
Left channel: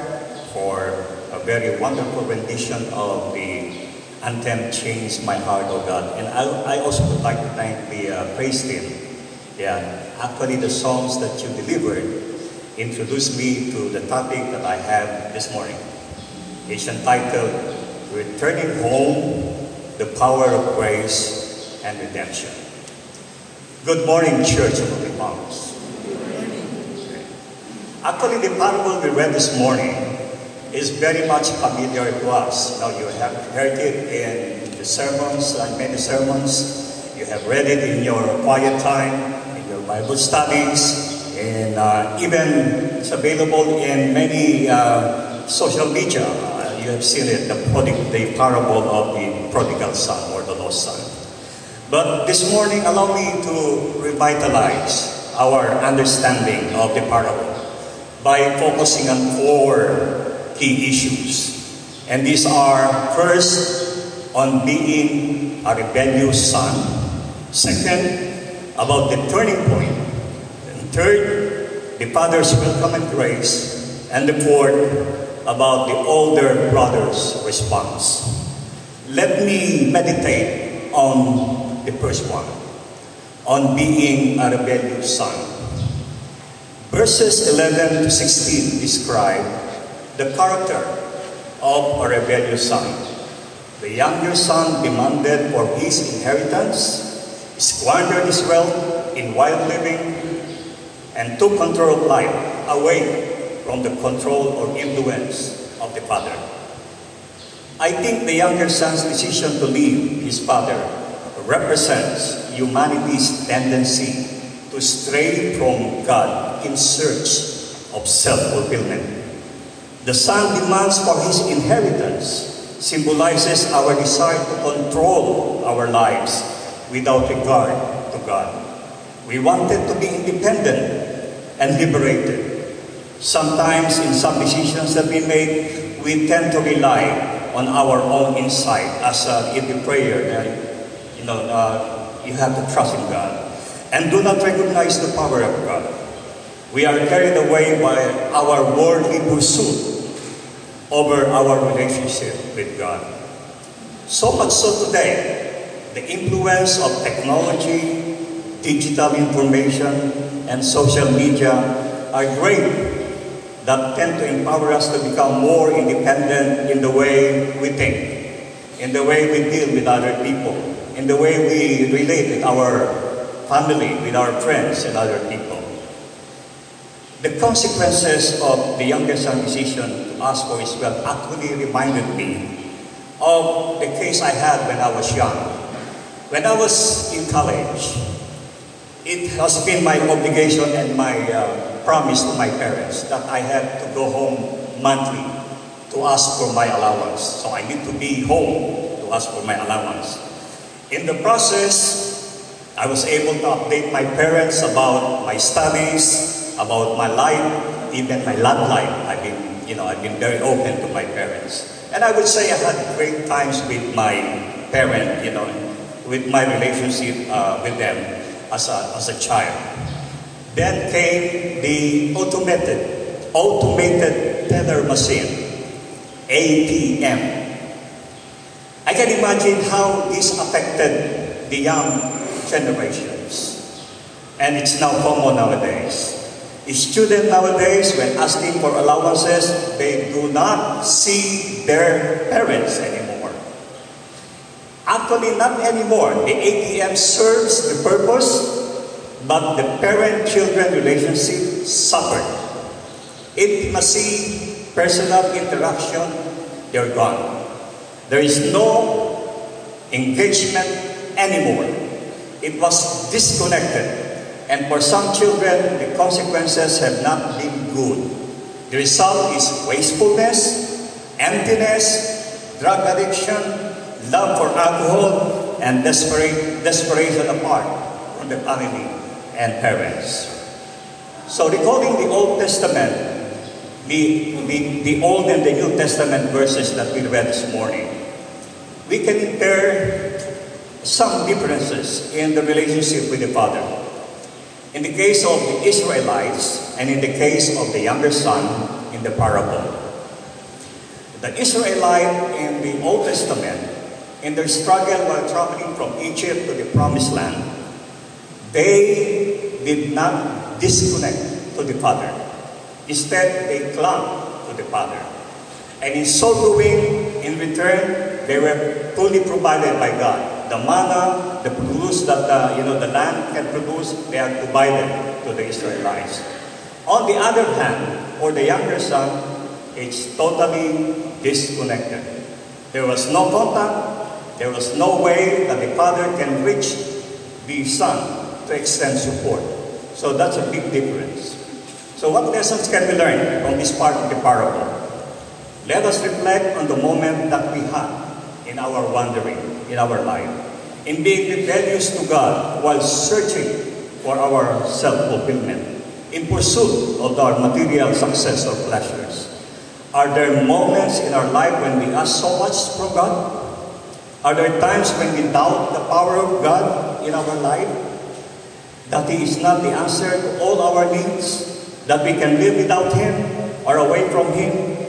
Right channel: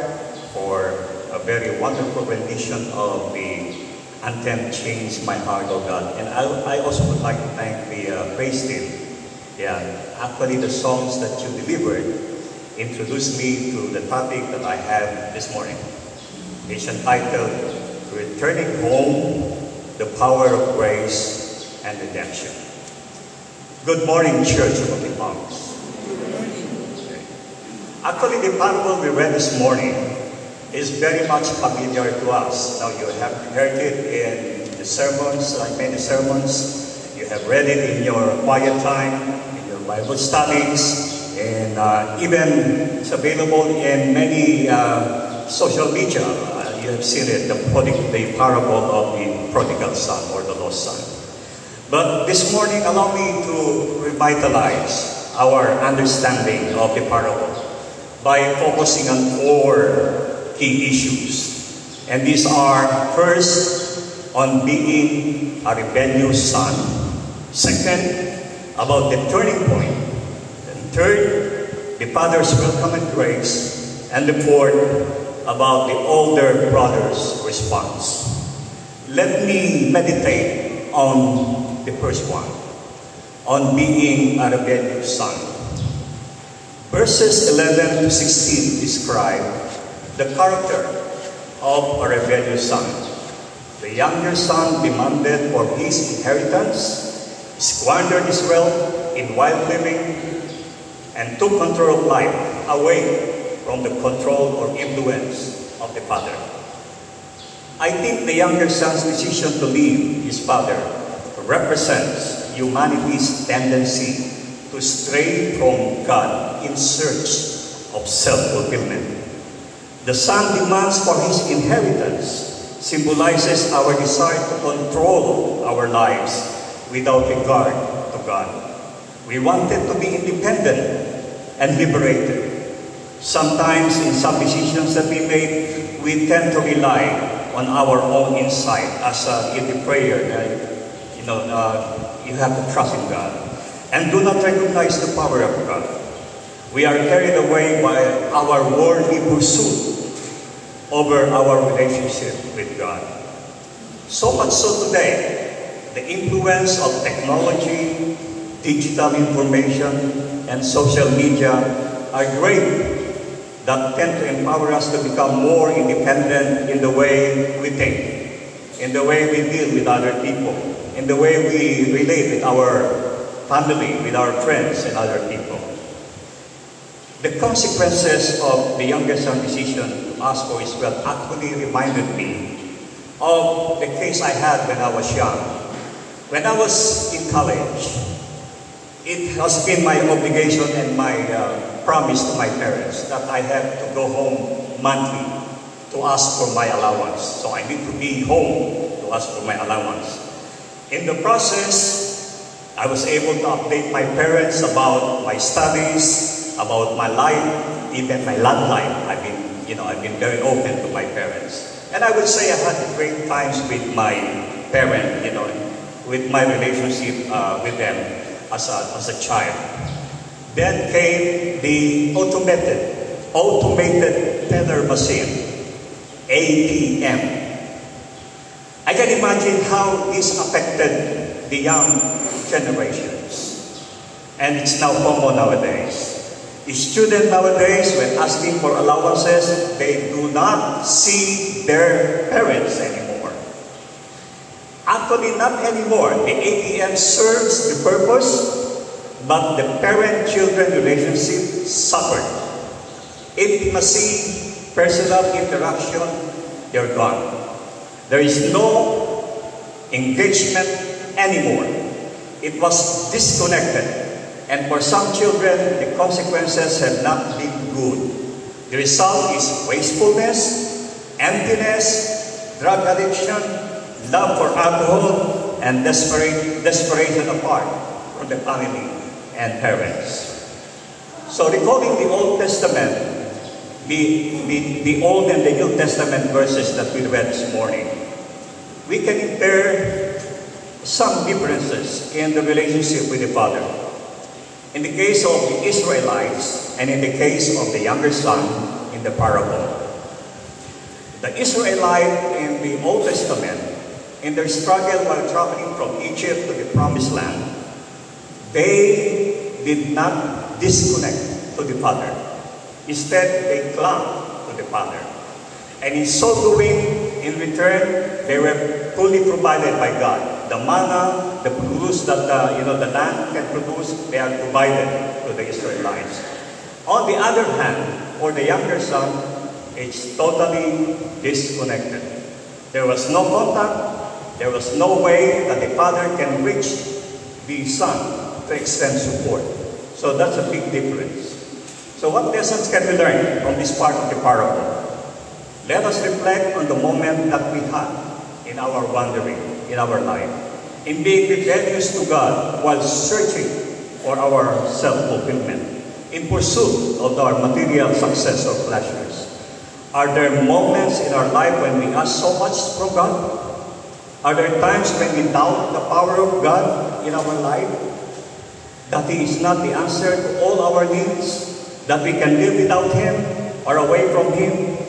for a very wonderful rendition of the anthem, Change My Heart, O God. And I also would like to thank the praise team. Yeah, actually the songs that you delivered introduced me to the topic that I have this morning. It's entitled, Returning Home, the Power of Grace and Redemption. Good morning, Church of the Mountains. Okay. Actually, the parable we read this morning is very much familiar to us. Now, you have heard it in the sermons, like many sermons. You have read it in your quiet time, in your Bible studies, and even it's available in many social media. You have seen it, the parable of the prodigal son or the lost son. But this morning, allow me to revitalize our understanding of the parable by focusing on 4 key issues. And these are, first, on being a rebellious son. Second, about the turning point. And third, the father's welcome and grace. And the fourth, about the older brother's response. Let me meditate on the first one, on being a rebellious son. Verses 11 to 16 describe the character of a rebellious son. The younger son demanded for his inheritance, squandered his wealth in wild living, and took control of life away from the control or influence of the father. I think the younger son's decision to leave his father represents humanity's tendency to stray from God in search of self-fulfillment. The son demands for his inheritance symbolizes our desire to control our lives without regard to God. We wanted to be independent and liberated. Sometimes in some decisions that we make, we tend to rely on our own insight, as in the prayer that you have to trust in God and do not recognize the power of God. We are carried away by our worldly pursuit over our relationship with God. So much so today, the influence of technology, digital information, and social media are great that tend to empower us to become more independent in the way we think, in the way we deal with other people, in the way we relate with our family, with our friends and other people. The consequences of the younger son's decision to ask for his wealth actually reminded me of the case I had when I was young. When I was in college, it has been my obligation and my promise to my parents that I have to go home monthly to ask for my allowance. So I need to be home to ask for my allowance. In the process, I was able to update my parents about my studies, about my life, even my love life. I've been very open to my parents. And I would say I had great times with my parent, with my relationship with them as a child. Then came the automated teller machine, ATM. I can imagine how this affected the young generations. And it's now common nowadays. The student nowadays, when asking for allowances, they do not see their parents anymore. Actually, not anymore. The ATM serves the purpose, but the parent-children relationship suffered. Intimacy, personal interaction, they're gone. There is no engagement anymore. It was disconnected. And for some children, the consequences have not been good. The result is wastefulness, emptiness, drug addiction, love for alcohol, and desperation apart from the family and parents. So recalling the Old Testament, the Old and the New Testament verses that we read this morning, we can compare some differences in the relationship with the Father. In the case of the Israelites and in the case of the younger son in the parable. The Israelite in the Old Testament, in their struggle while traveling from Egypt to the Promised Land, they did not disconnect to the Father. Instead, they clung to the Father. And in so doing, in return, they were fully provided by God. The manna, the produce that the land can produce, they are provided to the Israelites. On the other hand, for the younger son, it's totally disconnected. There was no contact. There was no way that the father can reach the son to extend support. So that's a big difference. So what lessons can we learn from this part of the parable? Let us reflect on the moment that we had in our wandering, in our life, in being rebellious to God while searching for our self-fulfillment, in pursuit of our material success or pleasures. Are there moments in our life when we ask so much from God? Are there times when we doubt the power of God in our life? That He is not the answer to all our needs? That we can live without Him or away from Him?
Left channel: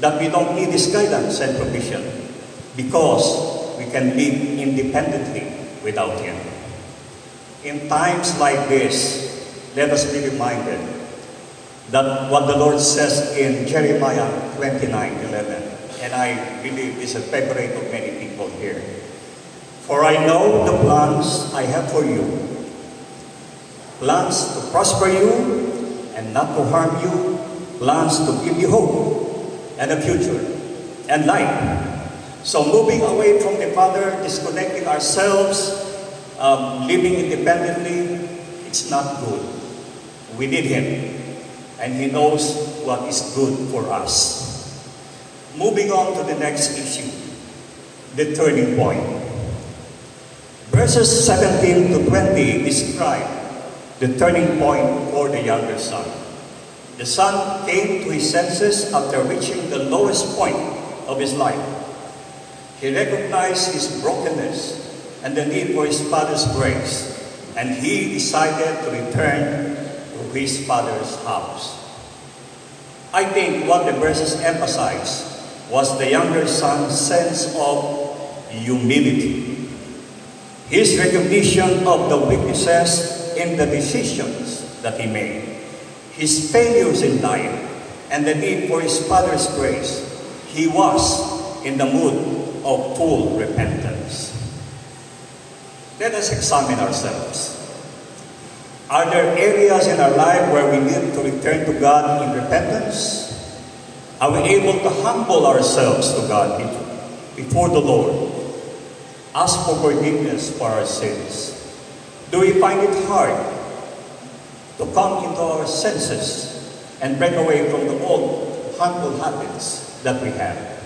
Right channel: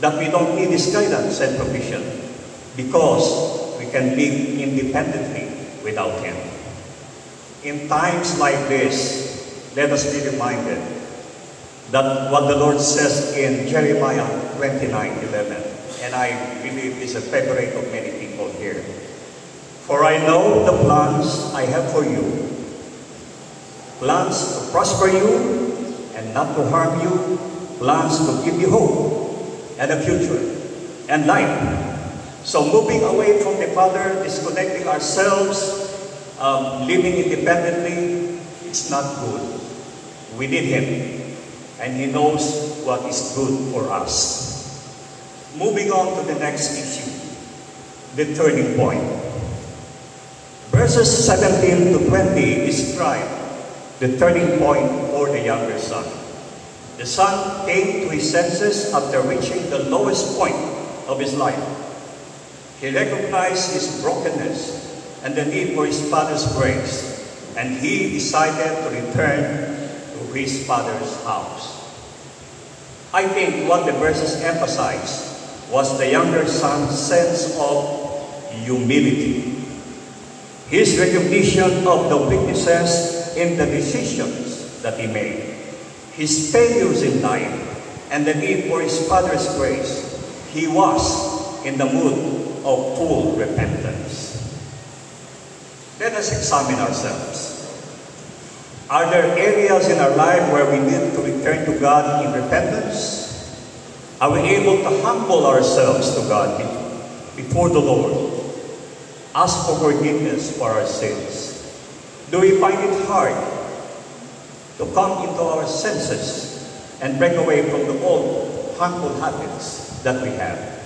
That we don't need His guidance and provision? Because we can live independently without Him. In times like this, let us be reminded that what the Lord says in Jeremiah 29:11, and I believe is a favorite of many people here. For I know the plans I have for you, plans to prosper you and not to harm you, plans to give you hope and a future and life. So moving away from the Father, disconnecting ourselves, living independently, it's not good. We need Him, and He knows what is good for us. Moving on to the next issue, the turning point. Verses 17 to 20 describe the turning point for the younger son. The son came to his senses after reaching the lowest point of his life. He recognized his brokenness and the need for his father's grace, and he decided to return to his father's house. I think what the verses emphasized was the younger son's sense of humility. His recognition of the weaknesses in the decisions that he made, his failures in life, and the need for his father's grace. He was in the mood of full repentance. Let us examine ourselves. Are there areas in our life where we need to return to God in repentance? Are we able to humble ourselves to God before the Lord? Ask for forgiveness for our sins. Do we find it hard to come into our senses and break away from the old harmful habits that we have?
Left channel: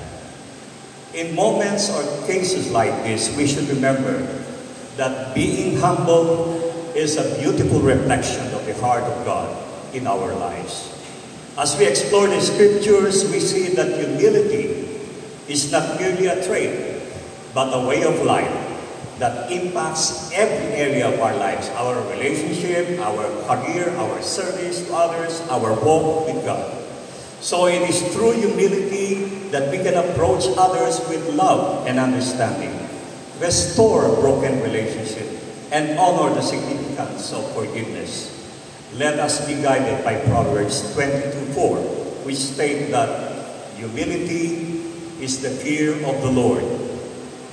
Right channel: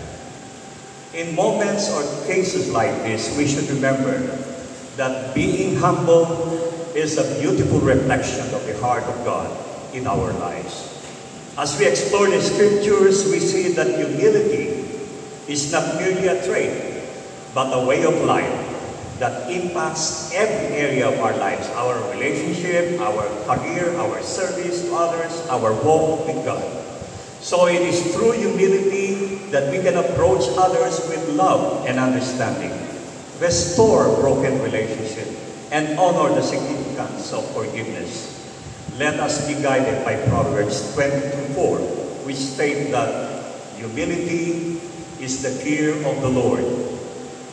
In moments or cases like this, we should remember that being humble is a beautiful reflection of the heart of God in our lives. As we explore the scriptures, we see that humility is not merely a trait, but a way of life that impacts every area of our lives, our relationship, our career, our service to others, our walk with God. So it is through humility that we can approach others with love and understanding, restore broken relationships, and honor the significance of forgiveness. Let us be guided by Proverbs 22:4, which states that humility is the fear of the Lord.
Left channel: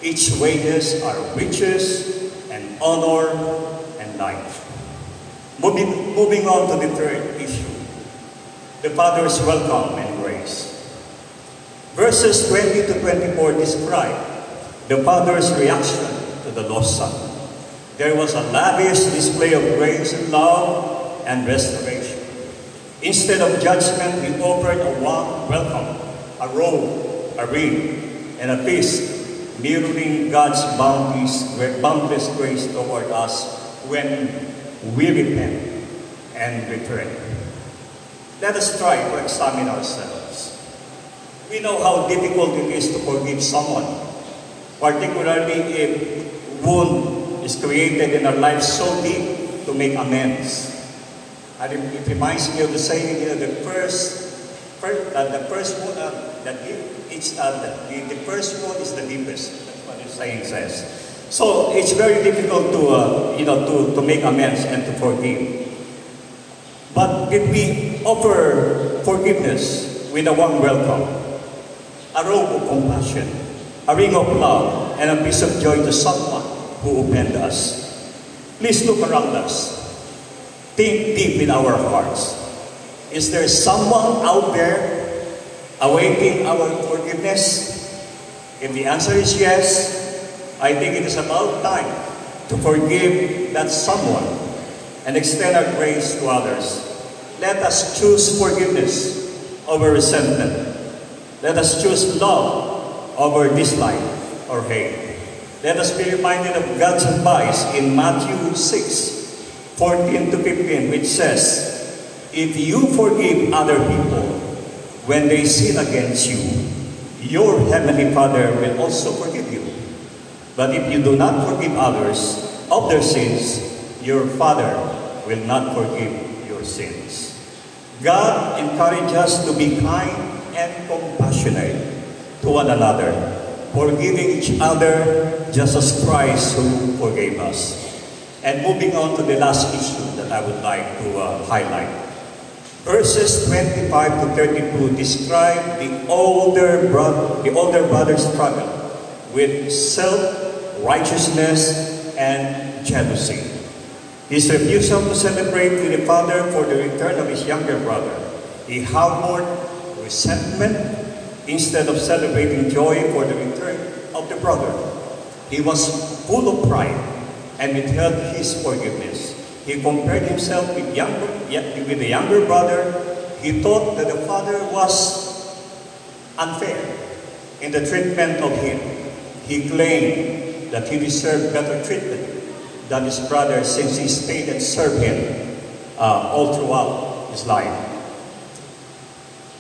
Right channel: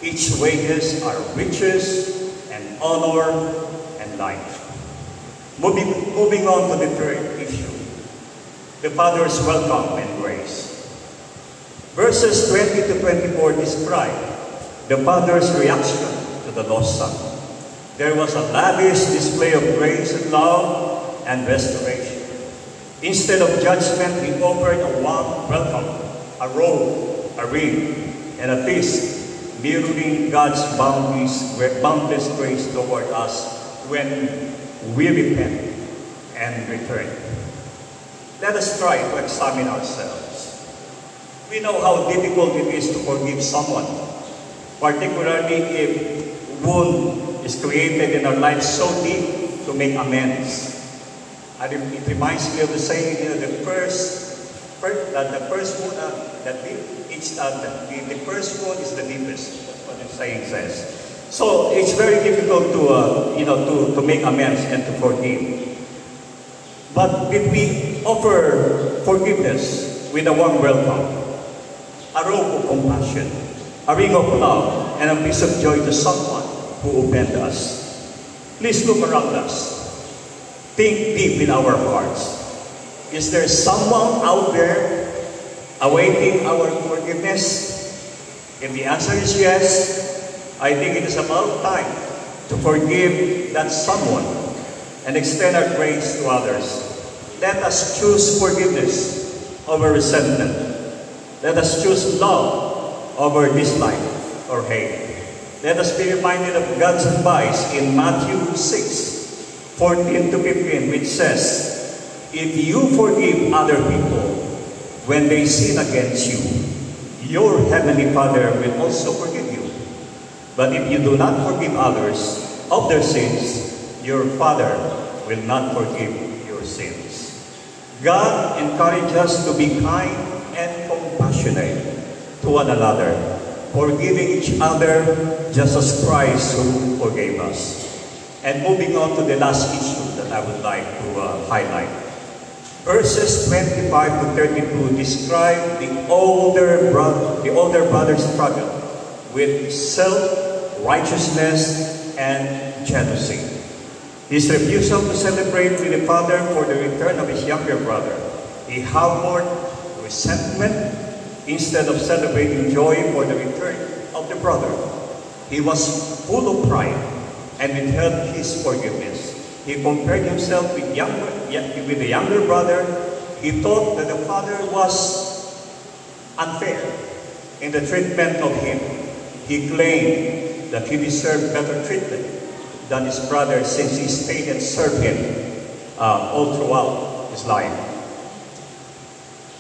Its wages are riches and honor and life. Moving on to the third issue, the Father's welcome and grace. Verses 20 to 24 describe the Father's reaction to the lost son. There was a lavish display of grace and love and restoration. Instead of judgment, he offered a warm welcome, a robe, a ring, and a feast, mirroring God's boundless grace toward us when we repent and return. Let us try to examine ourselves. We know how difficult it is to forgive someone, particularly if wound is created in our life so deep to make amends. And it reminds me of the saying, the first one is the deepest. That's what the saying says. So it's very difficult to make amends and to forgive. But if we offer forgiveness with a warm welcome, a robe of compassion, a ring of love, and a piece of joy to someone who offended us, please look around us. Think deep in our hearts. Is there someone out there awaiting our forgiveness? If the answer is yes, I think it is about time to forgive that someone and extend our grace to others. Let us choose forgiveness over resentment. Let us choose love over dislike or hate. Let us be reminded of God's advice in Matthew 6:14 to 15, which says, if you forgive other people when they sin against you, your heavenly Father will also forgive you. But if you do not forgive others of their sins, your Father will not forgive your sins. God encourages us to be kind and compassionate to one another, forgiving each other just as Christ who forgave us. And moving on to the last issue that I would like to highlight. Verses 25 to 32 describe the older brother's struggle with self-righteousness and jealousy. His refusal to celebrate with the father for the return of his younger brother. He harbored resentment instead of celebrating joy for the return of the brother. He was full of pride and withheld his forgiveness. He compared himself with the younger brother. He thought that the father was unfair in the treatment of him. He claimed that he deserved better treatment than his brother since he stayed and served him all throughout his life.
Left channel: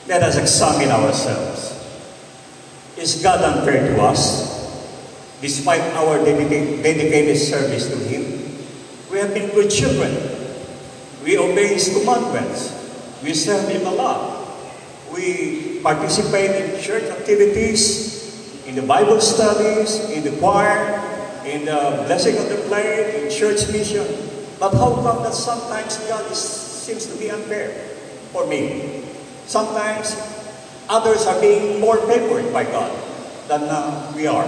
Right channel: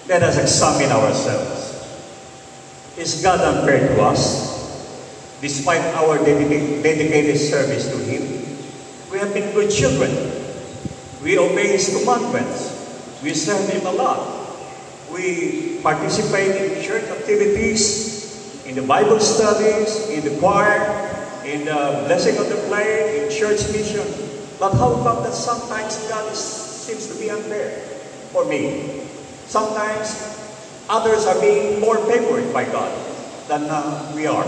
Let us examine ourselves. Is God unfair to us? Despite our dedicated service to Him, we have been good children. We obey His commandments. We serve Him a lot. We participate in church activities, in the Bible studies, in the choir, in the blessing of the play, in church mission. But how come that sometimes God seems to be unfair for me? Sometimes others are being more favored by God than we are.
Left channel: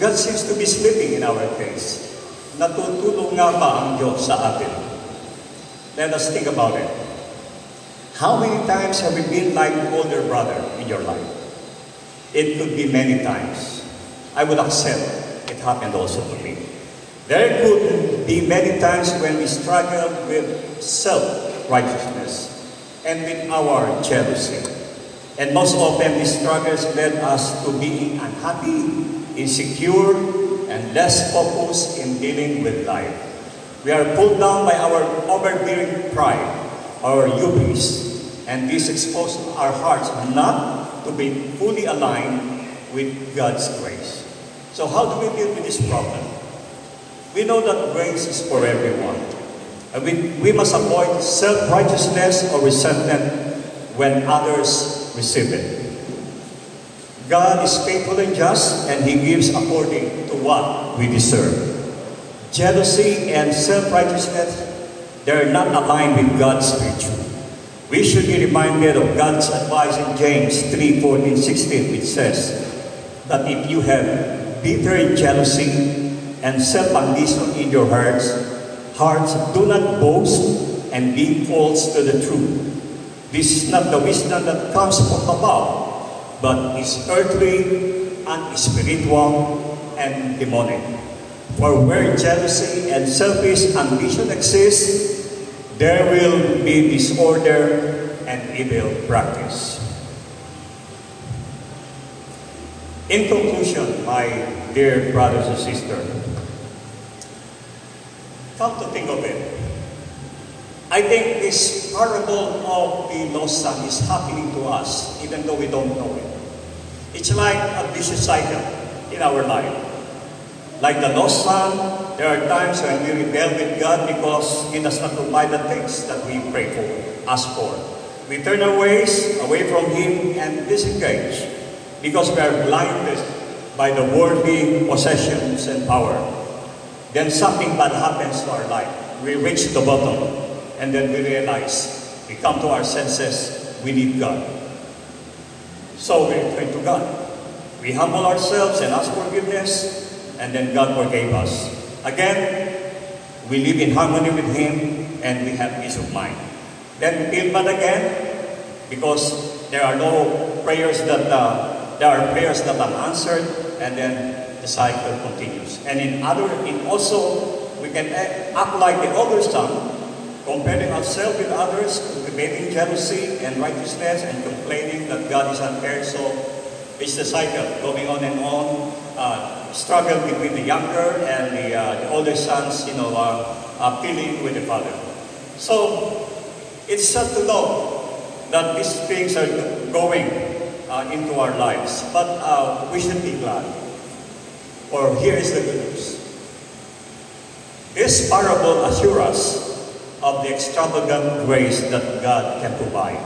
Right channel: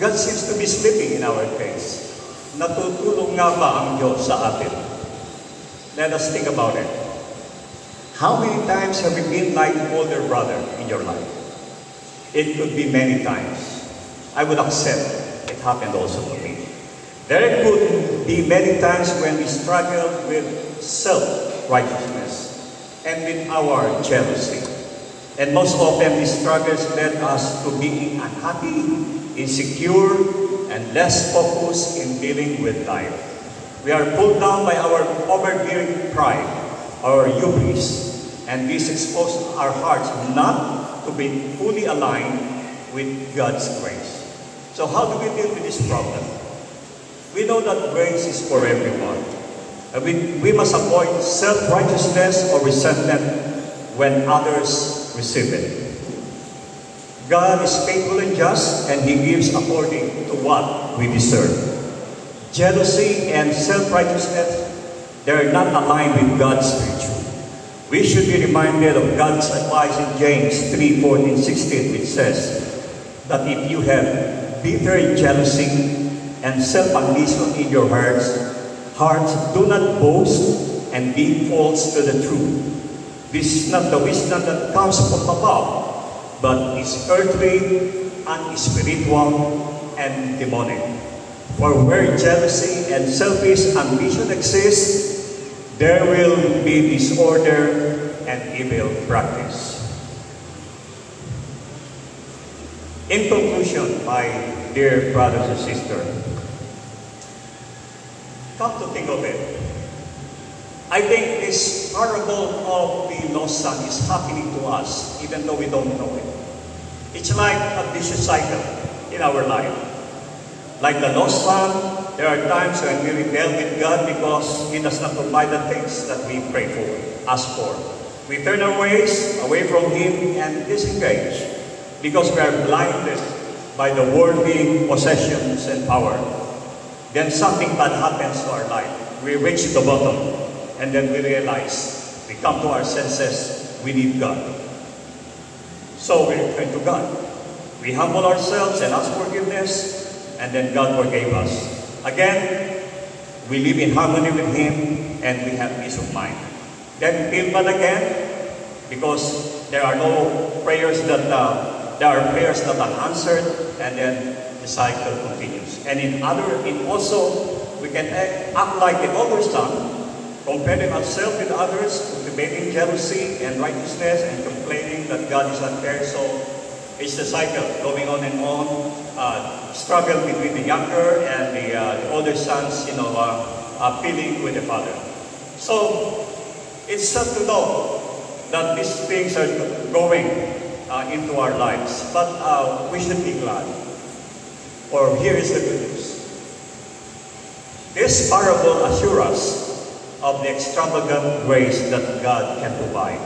God seems to be sleeping in our case. Natutulong nga ba ang Diyos sa atin? Let us think about it. How many times have you been like an older brother in your life? It could be many times. I would accept it happened also to me. There could be many times when we struggle with self-righteousness and with our jealousy. And most often, these struggles led us to being unhappy, insecure, and less focused in dealing with life. We are pulled down by our overbearing pride, our hubris, and this exposes our hearts not to be fully aligned with God's grace. So how do we deal with this problem? We know that grace is for everyone. And we must avoid self-righteousness or resentment when others receive it. God is faithful and just, and He gives according to what we deserve. Jealousy and self-righteousness, they are not aligned with God's virtue. We should be reminded of God's advice in James 3:14-16, which says that if you have bitter jealousy and self-ambition in your hearts, do not boast and be false to the truth. This is not the wisdom that comes from above, but is earthly, unspiritual, and demonic. For where jealousy and selfish ambition exist, there will be disorder and evil practice. In conclusion, my dear brothers and sisters, come to think of it, I think this parable of the lost son is happening to us, even though we don't know it. It's like a vicious cycle in our life. Like the lost son, there are times when we rebel with God because He does not provide the things that we pray for, ask for. We turn our ways away from Him and disengage because we are blinded by the worldly possessions and power. Then something bad happens to our life. We reach the bottom, and then we realize, we come to our senses, we need God. So we turn to God. We humble ourselves and ask forgiveness, and then God forgave us. Again, we live in harmony with Him, and we have peace of mind. Then we feel bad again, because there are prayers that are unanswered, and then the cycle continues. And also, we can act like the older son, comparing ourselves with others, cultivating jealousy and righteousness, and complaining that God is unfair. So it's the cycle going on and on. Struggle between the younger and the older sons, appealing with the father. So it's sad to know that these things are going into our lives, but we should be glad. For here is the good news. This parable assures us of the extravagant grace that God can provide.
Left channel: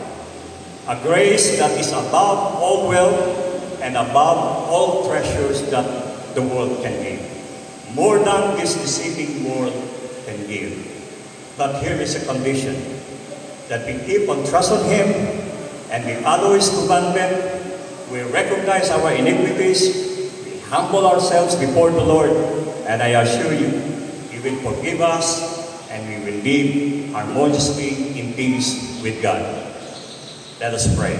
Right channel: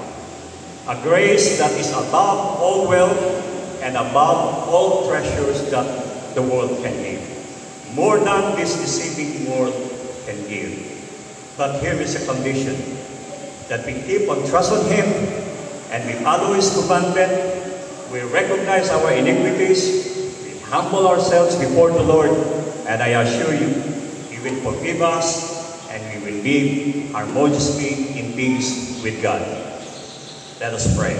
A grace that is above all wealth and above all treasures that the world can give. More than this deceiving world can give. But here is a condition, that we keep on trusting Him and we follow His commandment. We recognize our iniquities, we humble ourselves before the Lord, and I assure you, He will forgive us and we will live harmoniously in peace with God. Let us pray.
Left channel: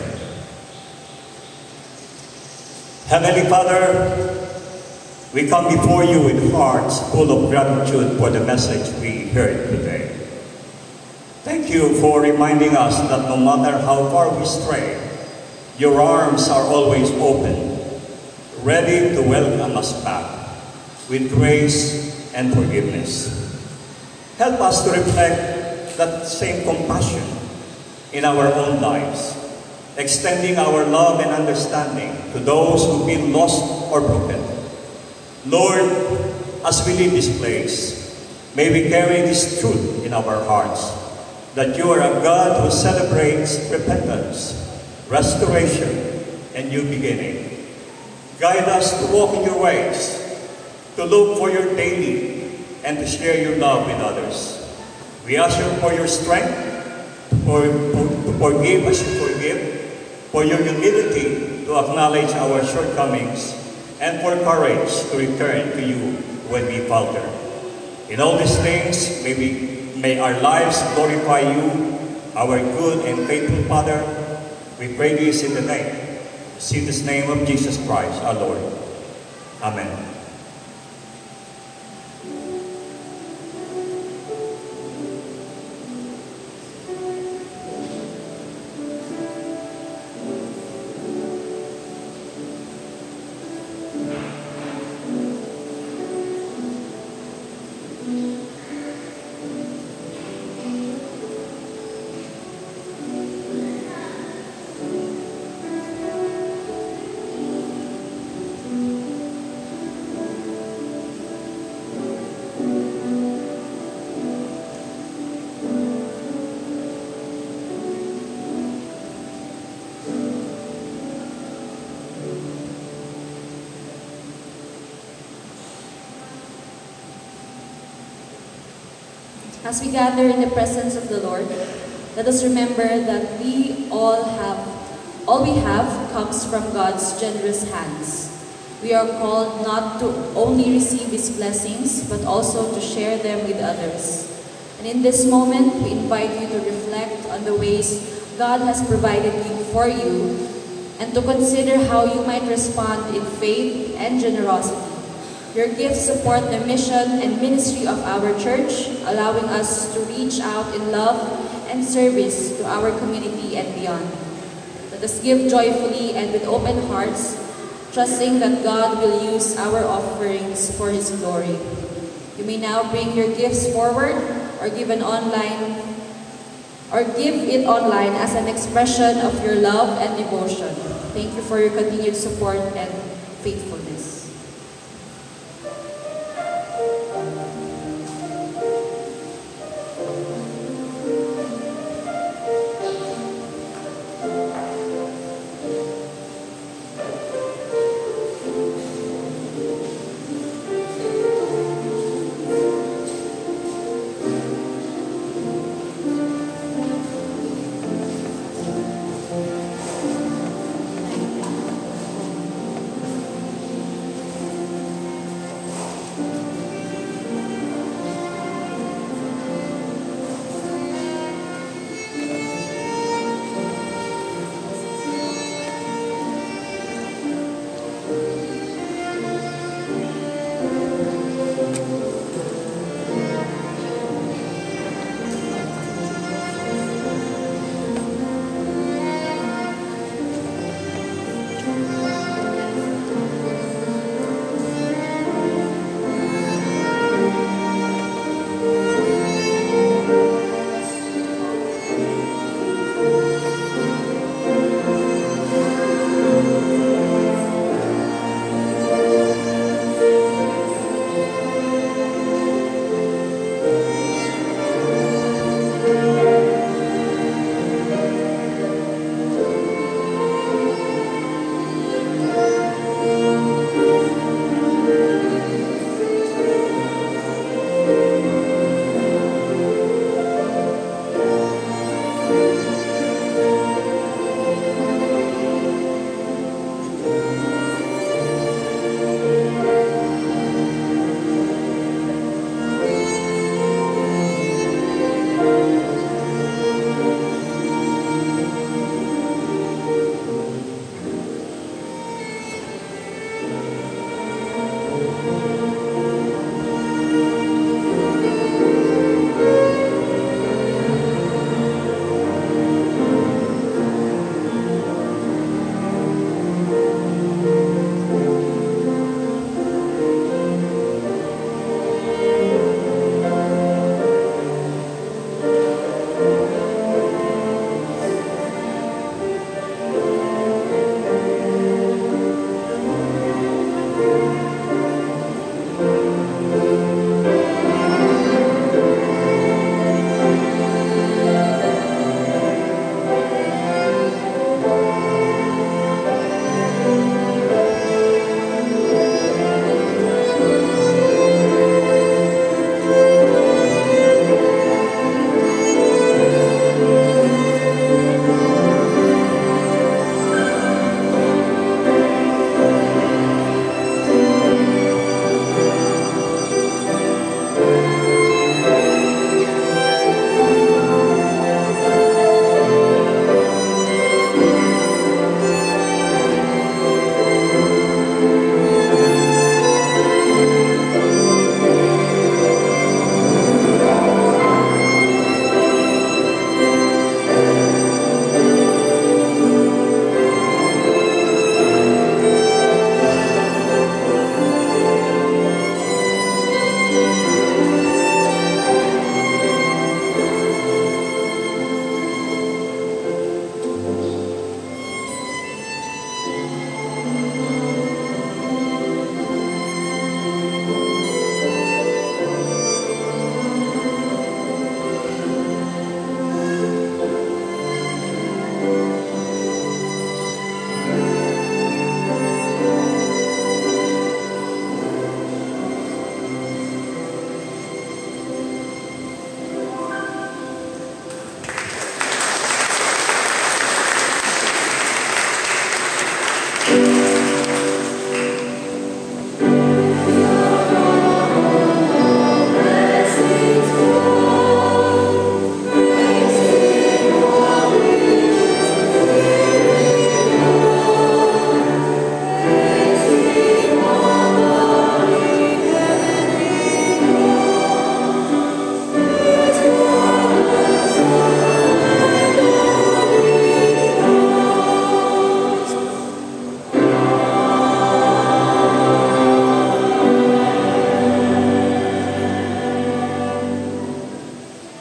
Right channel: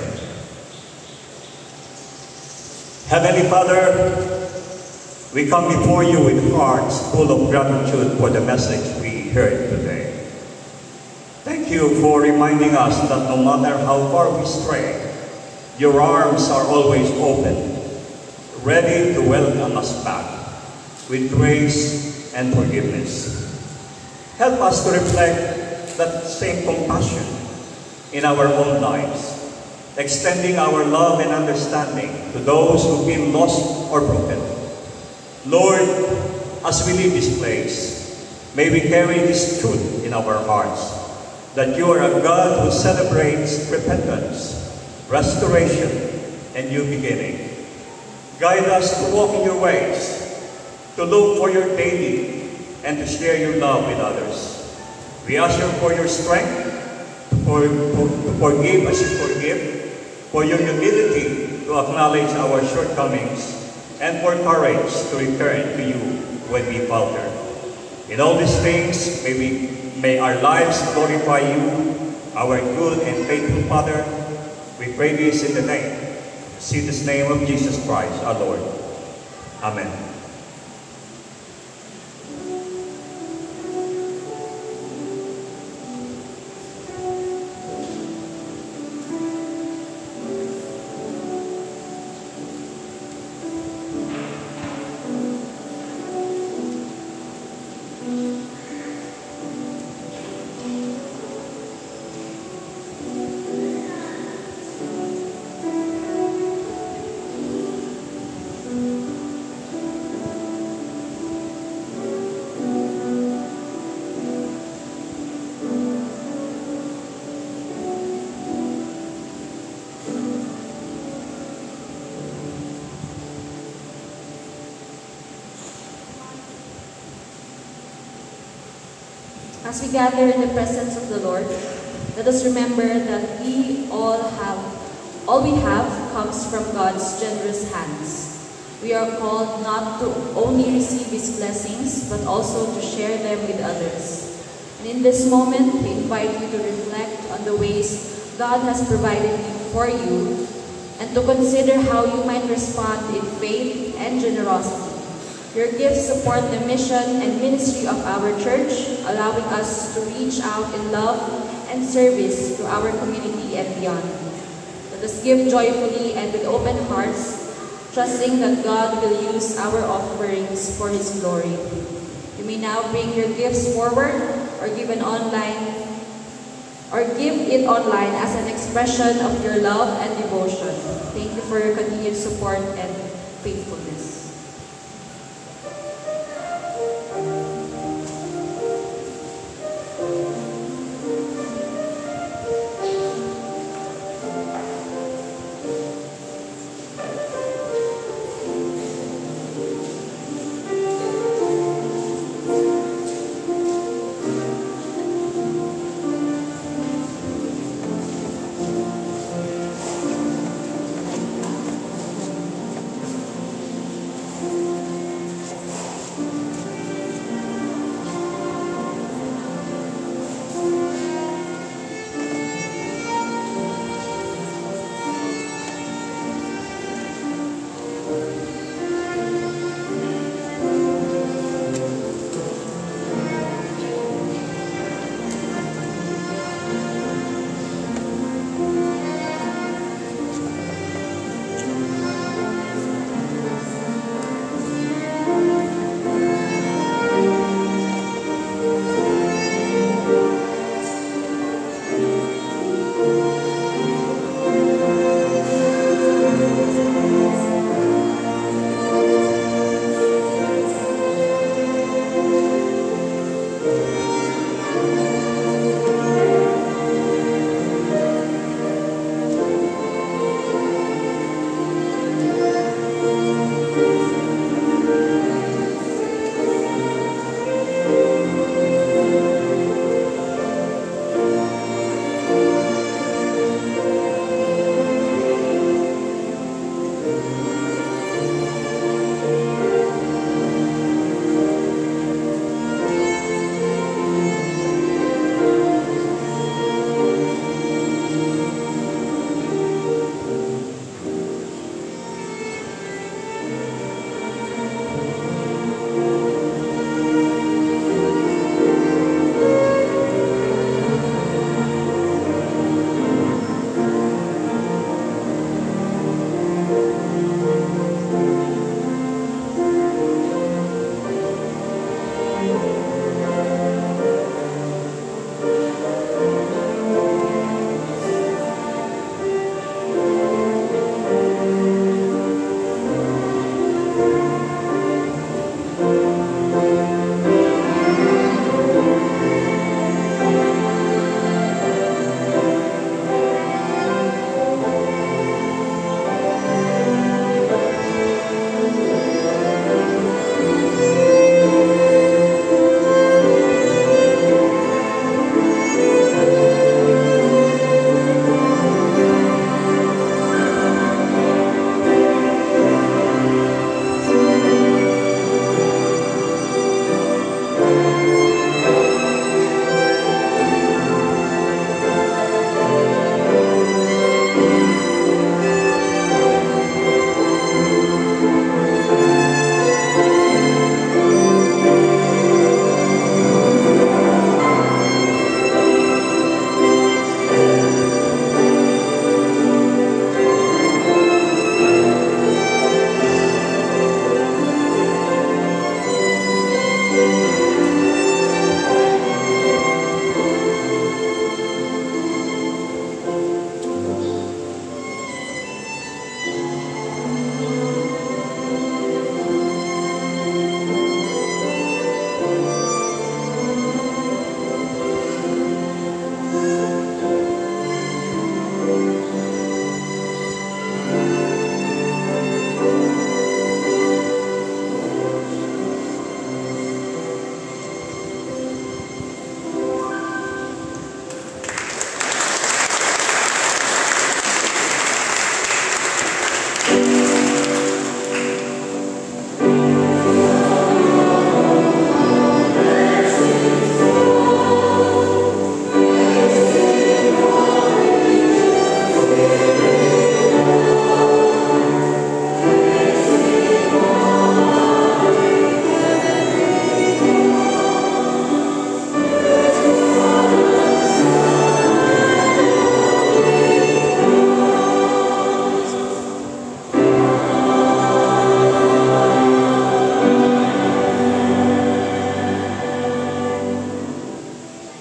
Heavenly Father, we come before you with hearts full of gratitude for the message we heard today. Thank you for reminding us that no matter how far we stray, your arms are always open, ready to welcome us back with grace and forgiveness. Help us to reflect that same compassion in our own lives, extending our love and understanding to those who feel lost or broken. Lord, as we leave this place, may we carry this truth in our hearts, that you are a God who celebrates repentance, restoration, and new beginning. Guide us to walk in your ways, to look for your daily, and to share your love with others. We ask you for your strength, to forgive as you forgive, for your humility to acknowledge our shortcomings, and for courage to return to you when we falter. In all these things, may our lives glorify you, our good and faithful Father. We pray this in the name of Jesus Christ, our Lord. Amen. As we gather in the presence of the Lord, let us remember that all we have comes from God's generous hands. We are called not to only receive His blessings, but also to share them with others. And in this moment, we invite you to reflect on the ways God has provided for you, and to consider how you might respond in faith and generosity. Your gifts support the mission and ministry of our church, allowing us to reach out in love and service to our community and beyond. Let us give joyfully and with open hearts, trusting that God will use our offerings for His glory. You may now bring your gifts forward or give it online as an expression of your love and devotion. Thank you for your continued support and faithfulness.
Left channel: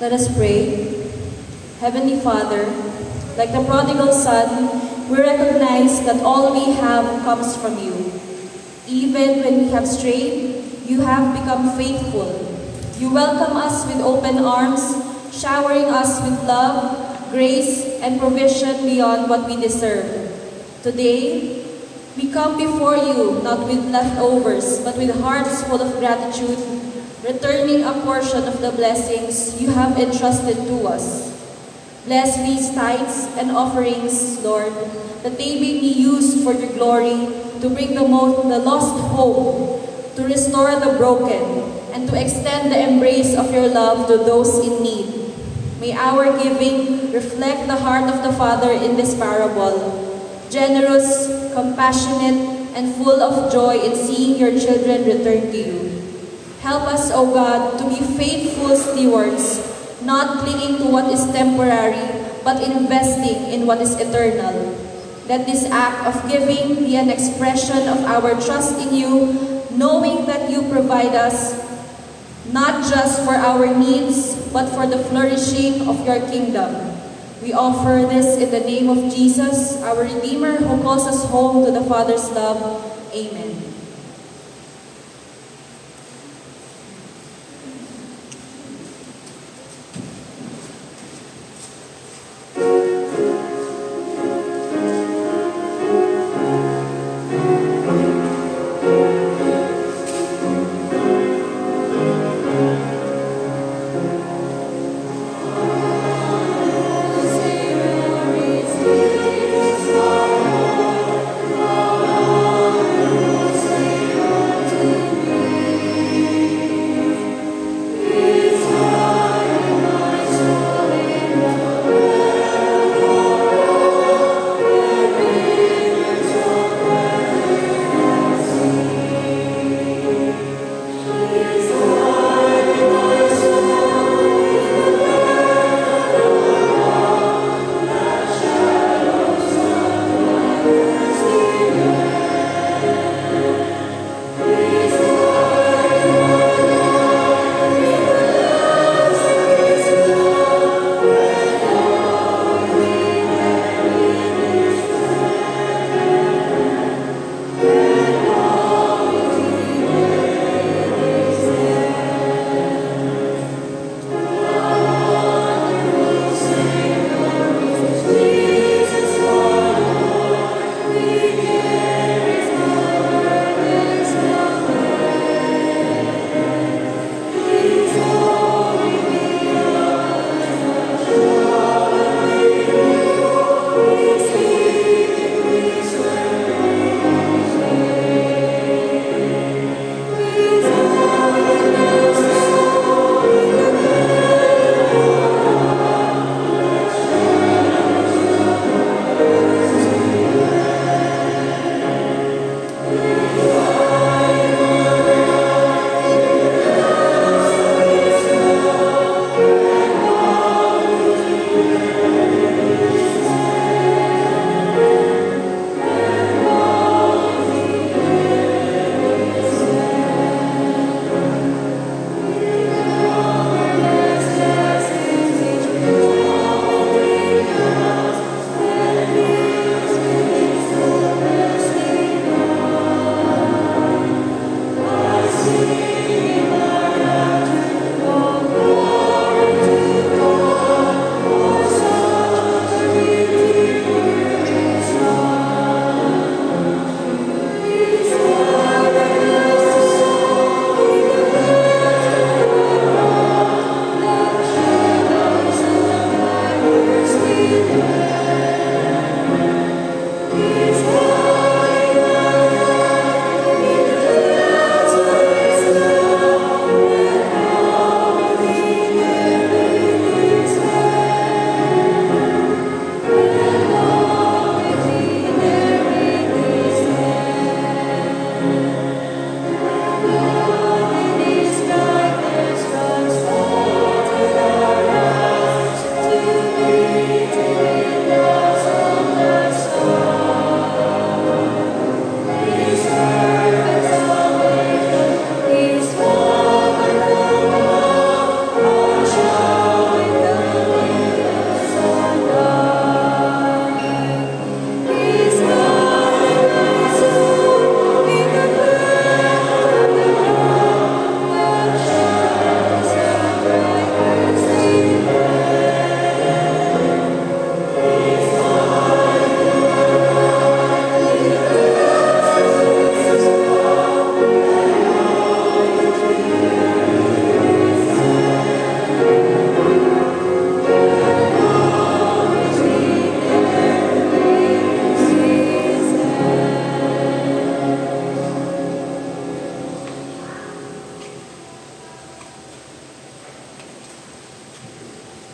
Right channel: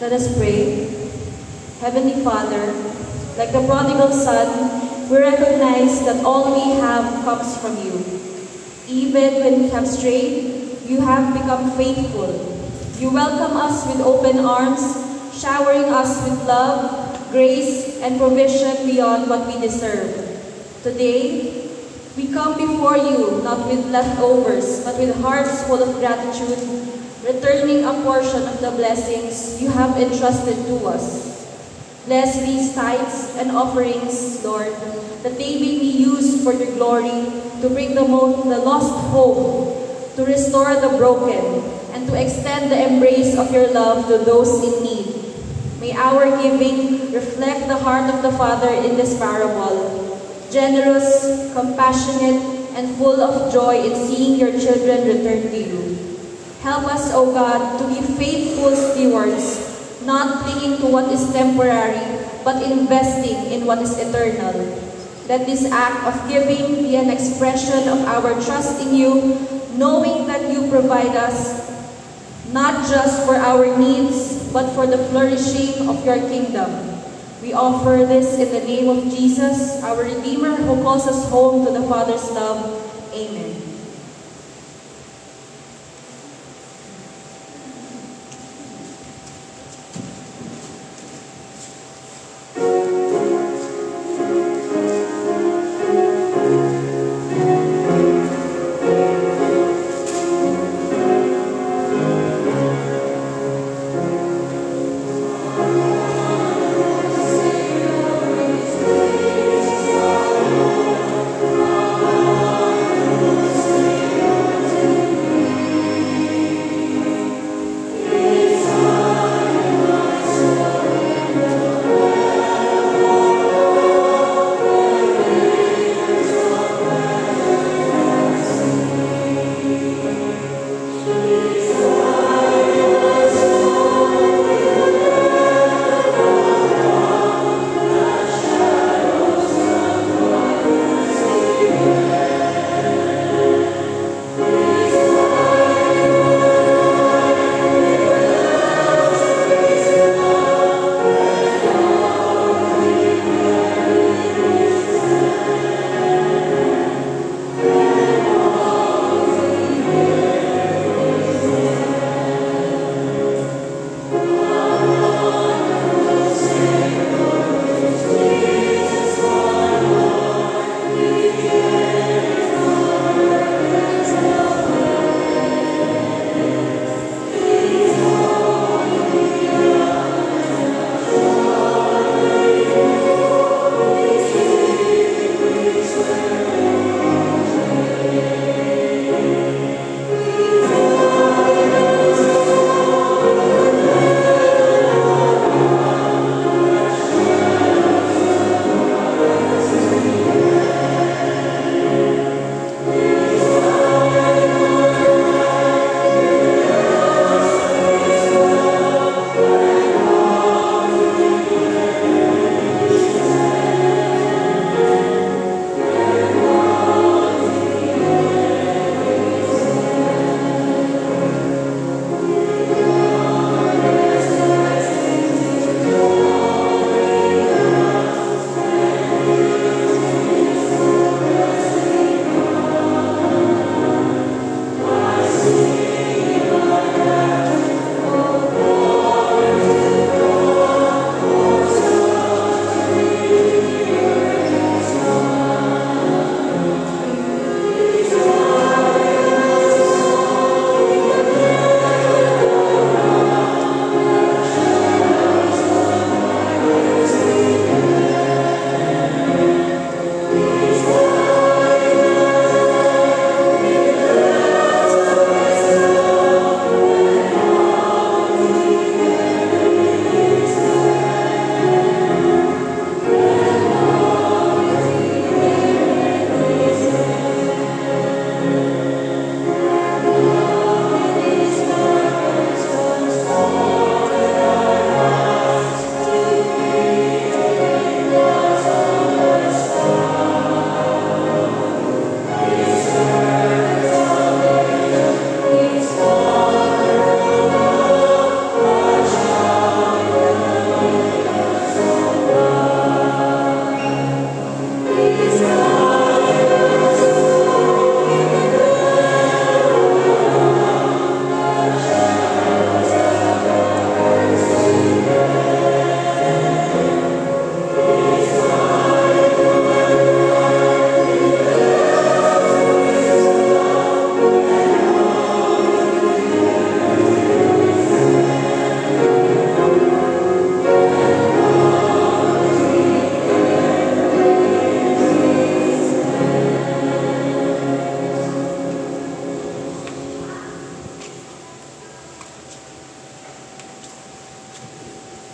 Let us pray. Heavenly Father, like the prodigal son, we recognize that all we have comes from you. Even when we have strayed, you have become faithful. You welcome us with open arms, showering us with love, grace, and provision beyond what we deserve. Today, we come before you not with leftovers, but with hearts full of gratitude, returning a portion of the blessings you have entrusted to us. Bless these tithes and offerings, Lord, that they may be used for your glory, to bring the lost home, to restore the broken, and to extend the embrace of your love to those in need. May our giving reflect the heart of the Father in this parable, generous, compassionate, and full of joy in seeing your children return to you. Help us, O God, to be faithful stewards, not clinging to what is temporary, but investing in what is eternal. Let this act of giving be an expression of our trust in you, knowing that you provide us not just for our needs, but for the flourishing of your kingdom. We offer this in the name of Jesus, our Redeemer, who calls us home to the Father's love. Amen. Praise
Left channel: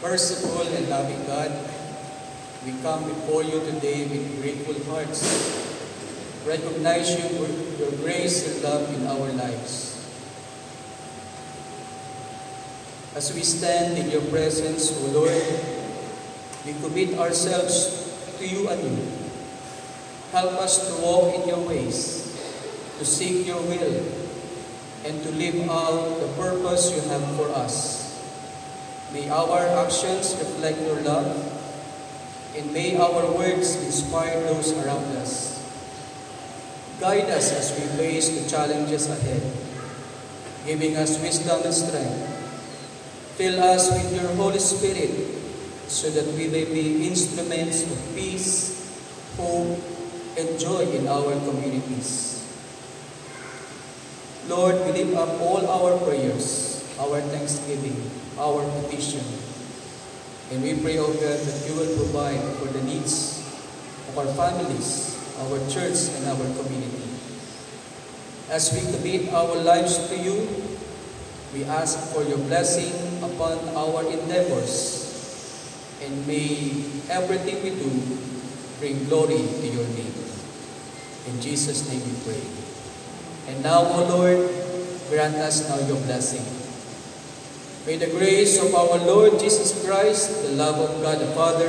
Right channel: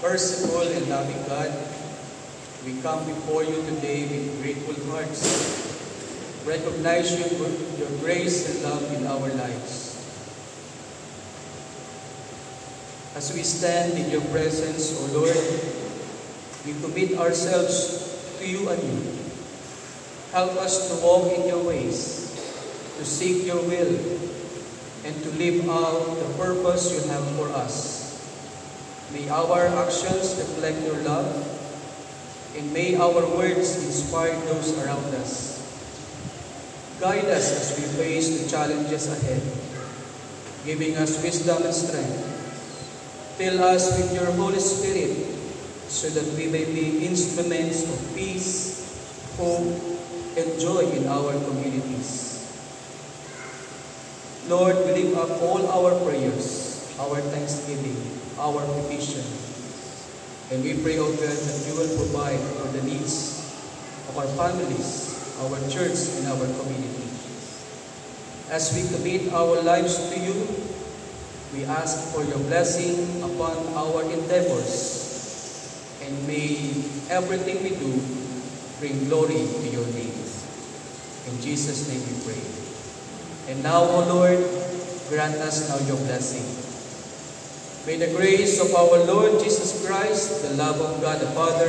Merciful and loving God, we come before you today with grateful hearts. Recognize your grace and love in our lives. As we stand in your presence, O Lord, we commit ourselves to you anew. Help us to walk in your ways, to seek your will, and to live out the purpose you have for us. May our actions reflect your love, and may our words inspire those around us. Guide us as we face the challenges ahead, giving us wisdom and strength. Fill us with your Holy Spirit so that we may be instruments of peace, hope, and joy in our communities. Lord, we lift up all our prayers, our thanksgiving, our petition. And we pray, O God, that you will provide for the needs of our families, our church, and our community. As we commit our lives to you, we ask for your blessing upon our endeavors. And may everything we do bring glory to your name. In Jesus' name we pray. And now, O Lord, grant us now your blessing. May the grace of our Lord Jesus Christ, the love of God the Father,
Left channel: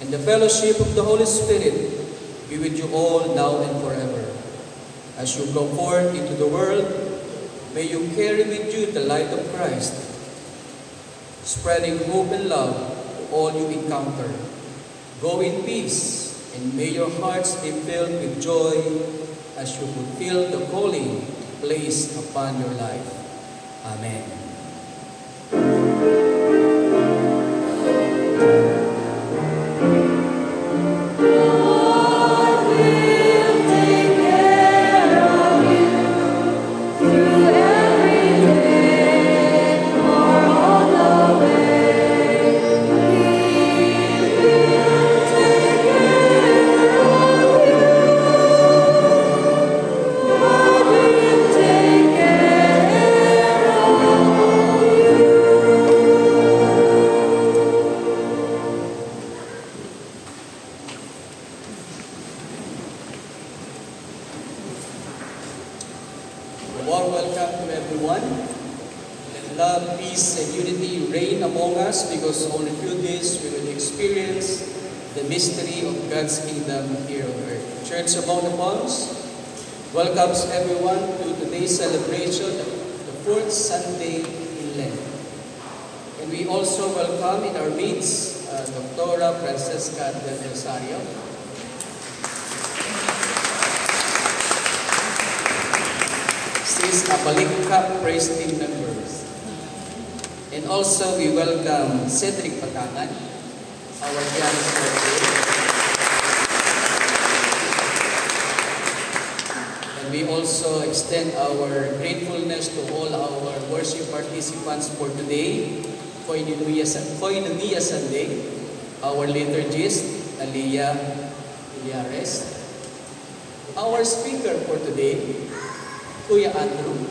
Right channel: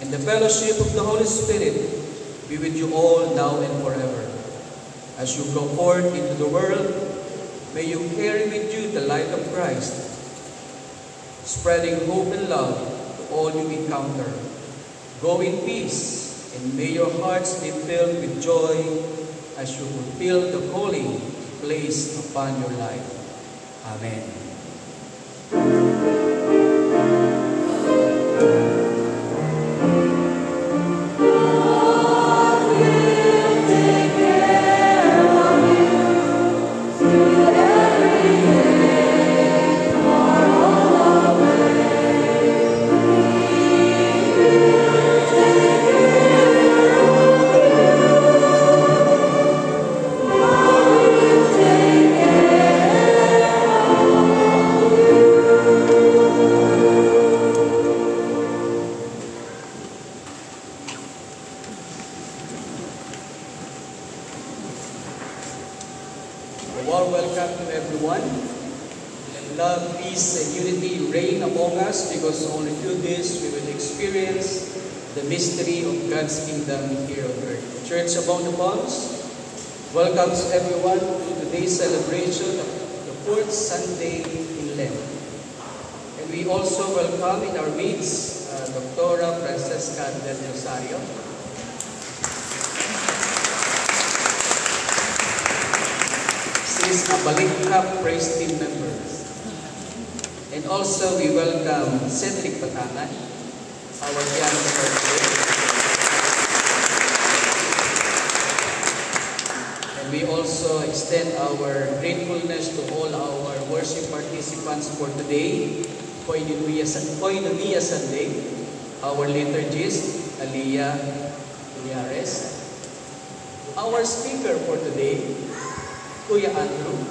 and the fellowship of the Holy Spirit be with you all now and forever. As you go forth into the world, may you carry with you the light of Christ, spreading hope and love to all you encounter. Go in peace, and may your hearts be filled with joy as you fulfill the calling placed upon your life. Amen. Welcomes everyone to today's celebration, the fourth Sunday in Lent. And we also welcome in our midst Dr. Francesca del Rosario. She is a Balikap Praise Team member. And also we welcome Cedric Pataman, our pianist for today. We also extend our gratefulness to all our worship participants for today, Koinonia Sunday, our liturgist, Aliyah Iliares, our speaker for today, Kuya Andrew,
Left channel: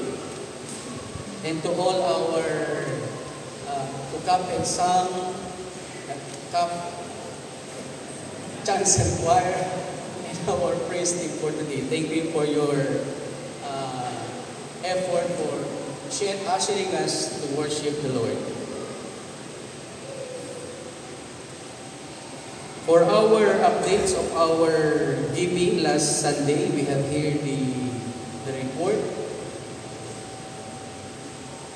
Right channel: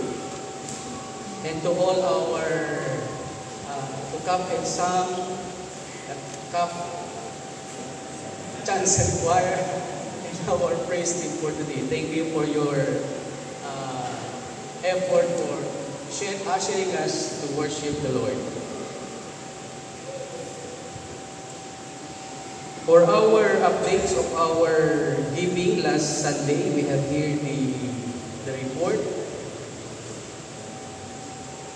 and to all our Cup and Sang, Cup Chants and Choir, our praise team for today. Thank you for your effort for ushering us to worship the Lord. For our updates of our giving last Sunday, we have here the report.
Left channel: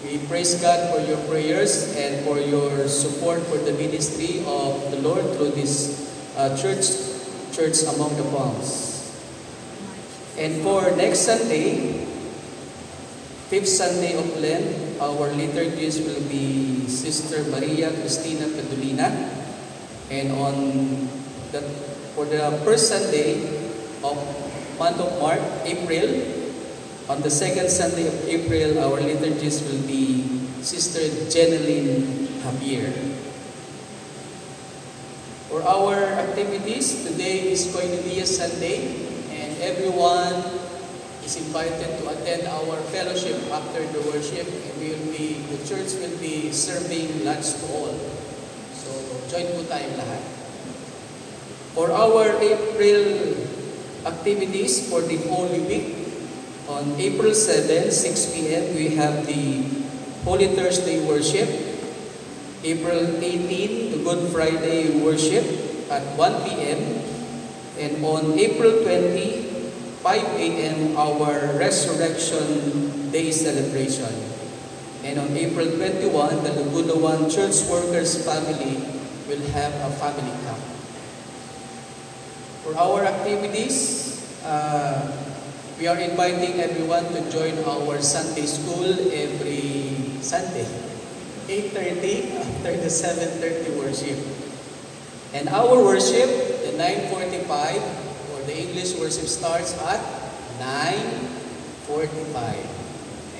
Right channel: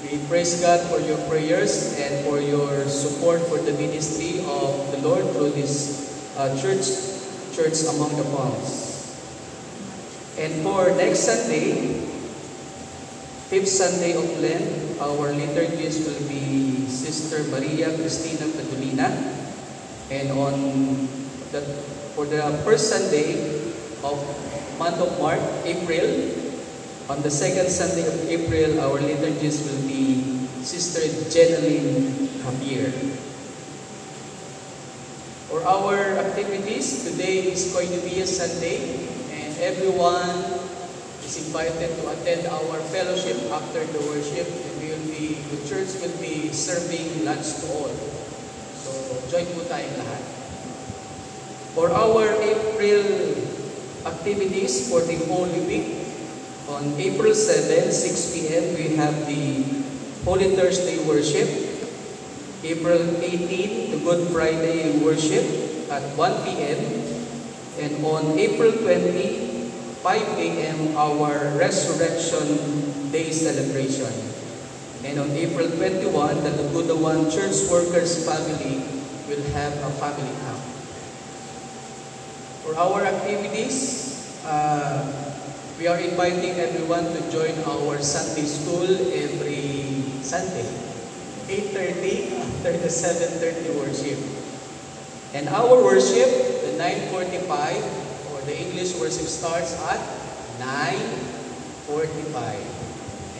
We praise God for your prayers and for your support for the ministry of the Lord through this Church Among the Palms. And for next Sunday, 5th Sunday of Lent, our liturgist will be Sister Maria Cristina Padulina. And for the first Sunday of month of March, April, on the second Sunday of April, our liturgist will be Sister Jeneline Javier. For our activities, today is going to be a Sunday, and everyone is invited to attend our fellowship after the worship. And the church will be serving lunch to all. So, join po tayong lahat. For our April activities for the Holy Week, on April 7, 6 p.m., we have the Holy Thursday worship. April 18, the Good Friday worship at 1 p.m. And on April 20, 5 a.m., our Resurrection Day celebration. And on April 21, the Labudawan Church Workers family will have a family camp. For our activities, we are inviting everyone to join our Sunday school every Sunday, 8:30 after the 7:30 worship. And our worship, the 9:45, or the English worship starts at 9:45.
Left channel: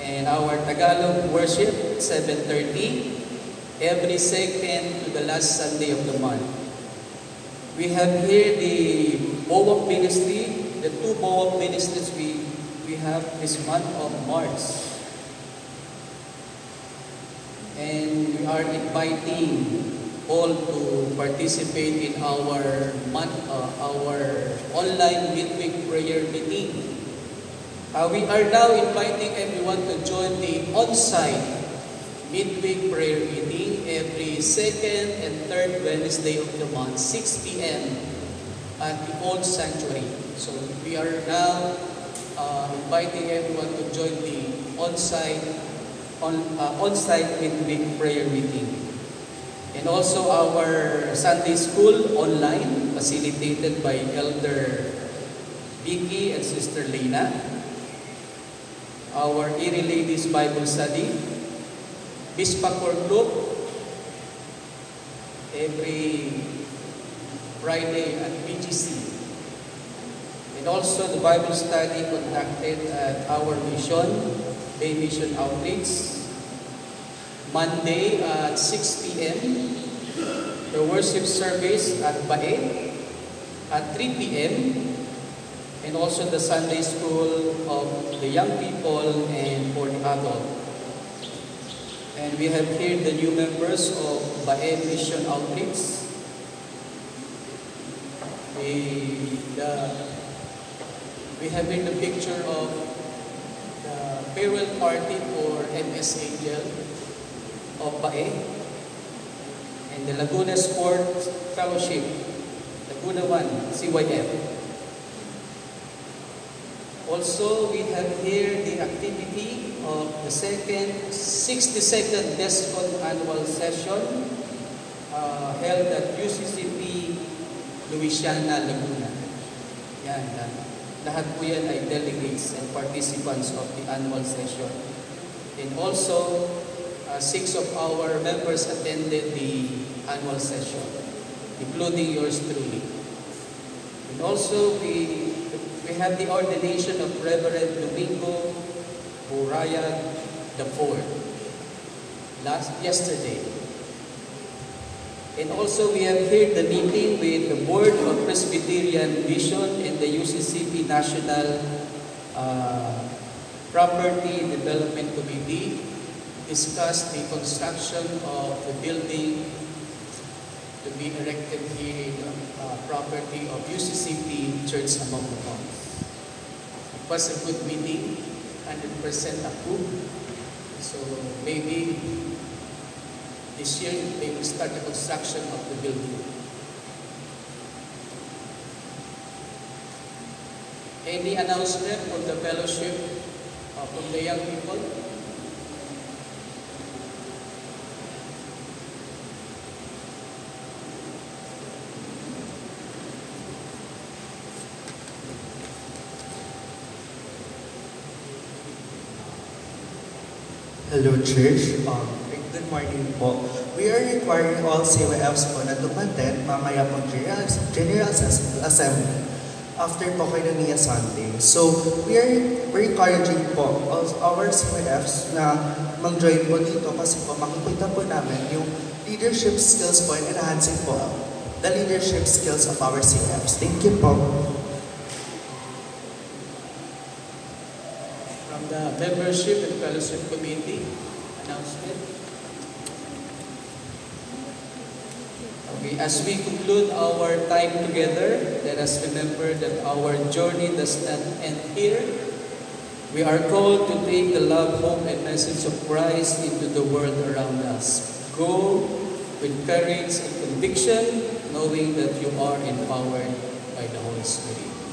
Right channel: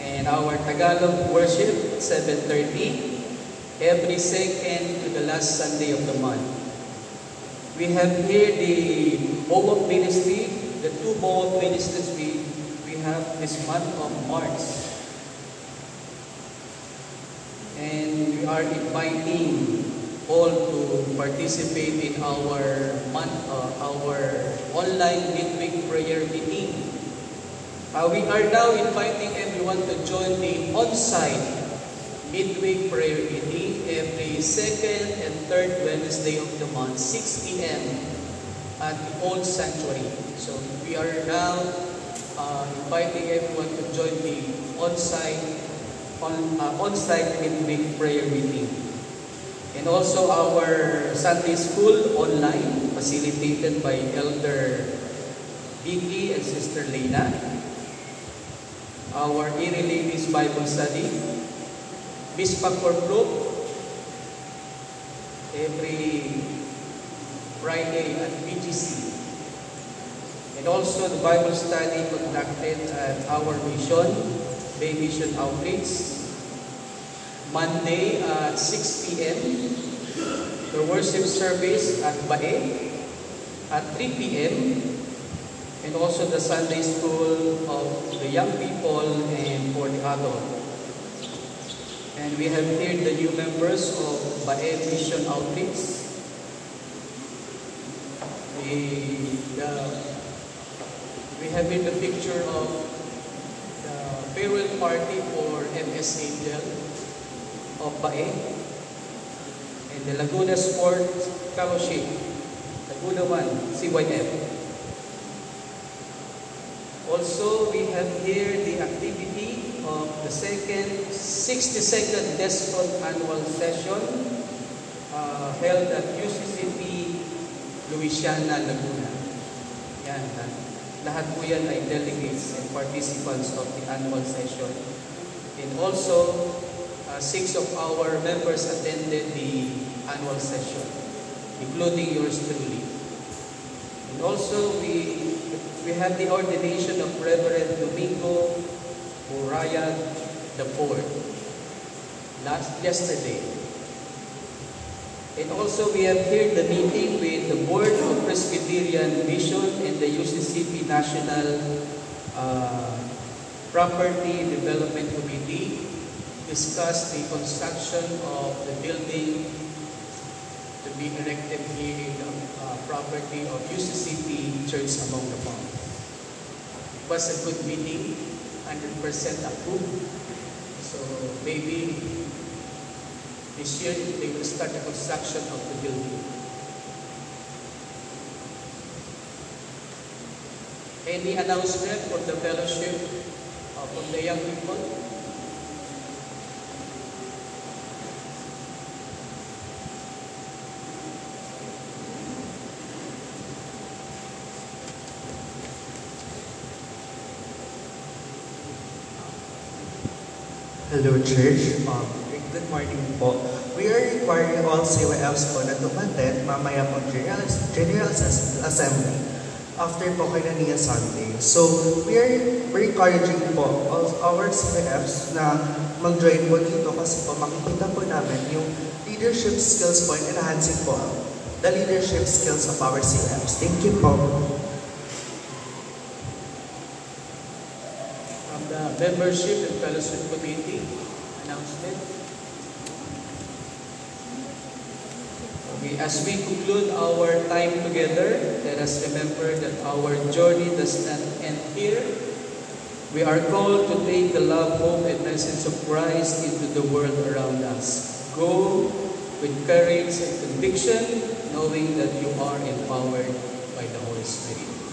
And our Tagalog worship, 7:30, every second to the last Sunday of the month. We have here the Boab Ministry, the two Boab Ministries we have this month of March. And we are inviting all to participate in our online midweek prayer meeting. We are now inviting everyone to join the on-site midweek prayer meeting every second and third Wednesday of the month, 6 p.m. at the Old Sanctuary. So we are now inviting everyone to join the on-site midweek prayer meeting. And also our Sunday school online, facilitated by Elder Vicky and Sister Lena. Our Erie Ladies Bible Study, Bispak Group, every Friday at BGC. And also the Bible study conducted at our mission, Day Mission Outreach, Monday at 6 p.m. The worship service at Bae at 3 p.m. And also the Sunday school of the young people and for the adult. And we have here the new members of Bae Mission Outreach. We have here the picture of the farewell party for MS Angel of Bae and the Laguna Sports Fellowship, Laguna 1, CYF. Also, we have here the activity of the 62nd DESCON annual session held at UCCP Louisiana, Laguna. Yan, lahat po yan ay delegates and participants of the annual session. And also, 6 of our members attended the annual session, including yours truly. And also, we have the ordination of Reverend Domingo Uriah IV yesterday. And also we have here the meeting with the Board of Presbyterian Vision and the UCCP National Property Development Committee discussed the construction of the building to be erected here in the property of UCCP Church Among the Monks. It was a good meeting, 100% approved. So maybe this year they will start the construction of the building. Any announcement from the fellowship from the young people? Hello, Church. Good morning po. We are requiring all CYFs po na tumaten mamaya po General Assembly after po kay Nania Sunday. So, we are encouraging po all our CYFs na mag-join po dito kasi po makikita po namin yung leadership skills po and enhancing po the leadership skills of our CYFs. Thank you po. Membership and Fellowship Committee announcement. As we conclude our time together, let us remember that our journey does not end here. We are called to take the love, hope, and message of Christ into the world around us. Go with courage and conviction, knowing that you are empowered by the Holy Spirit.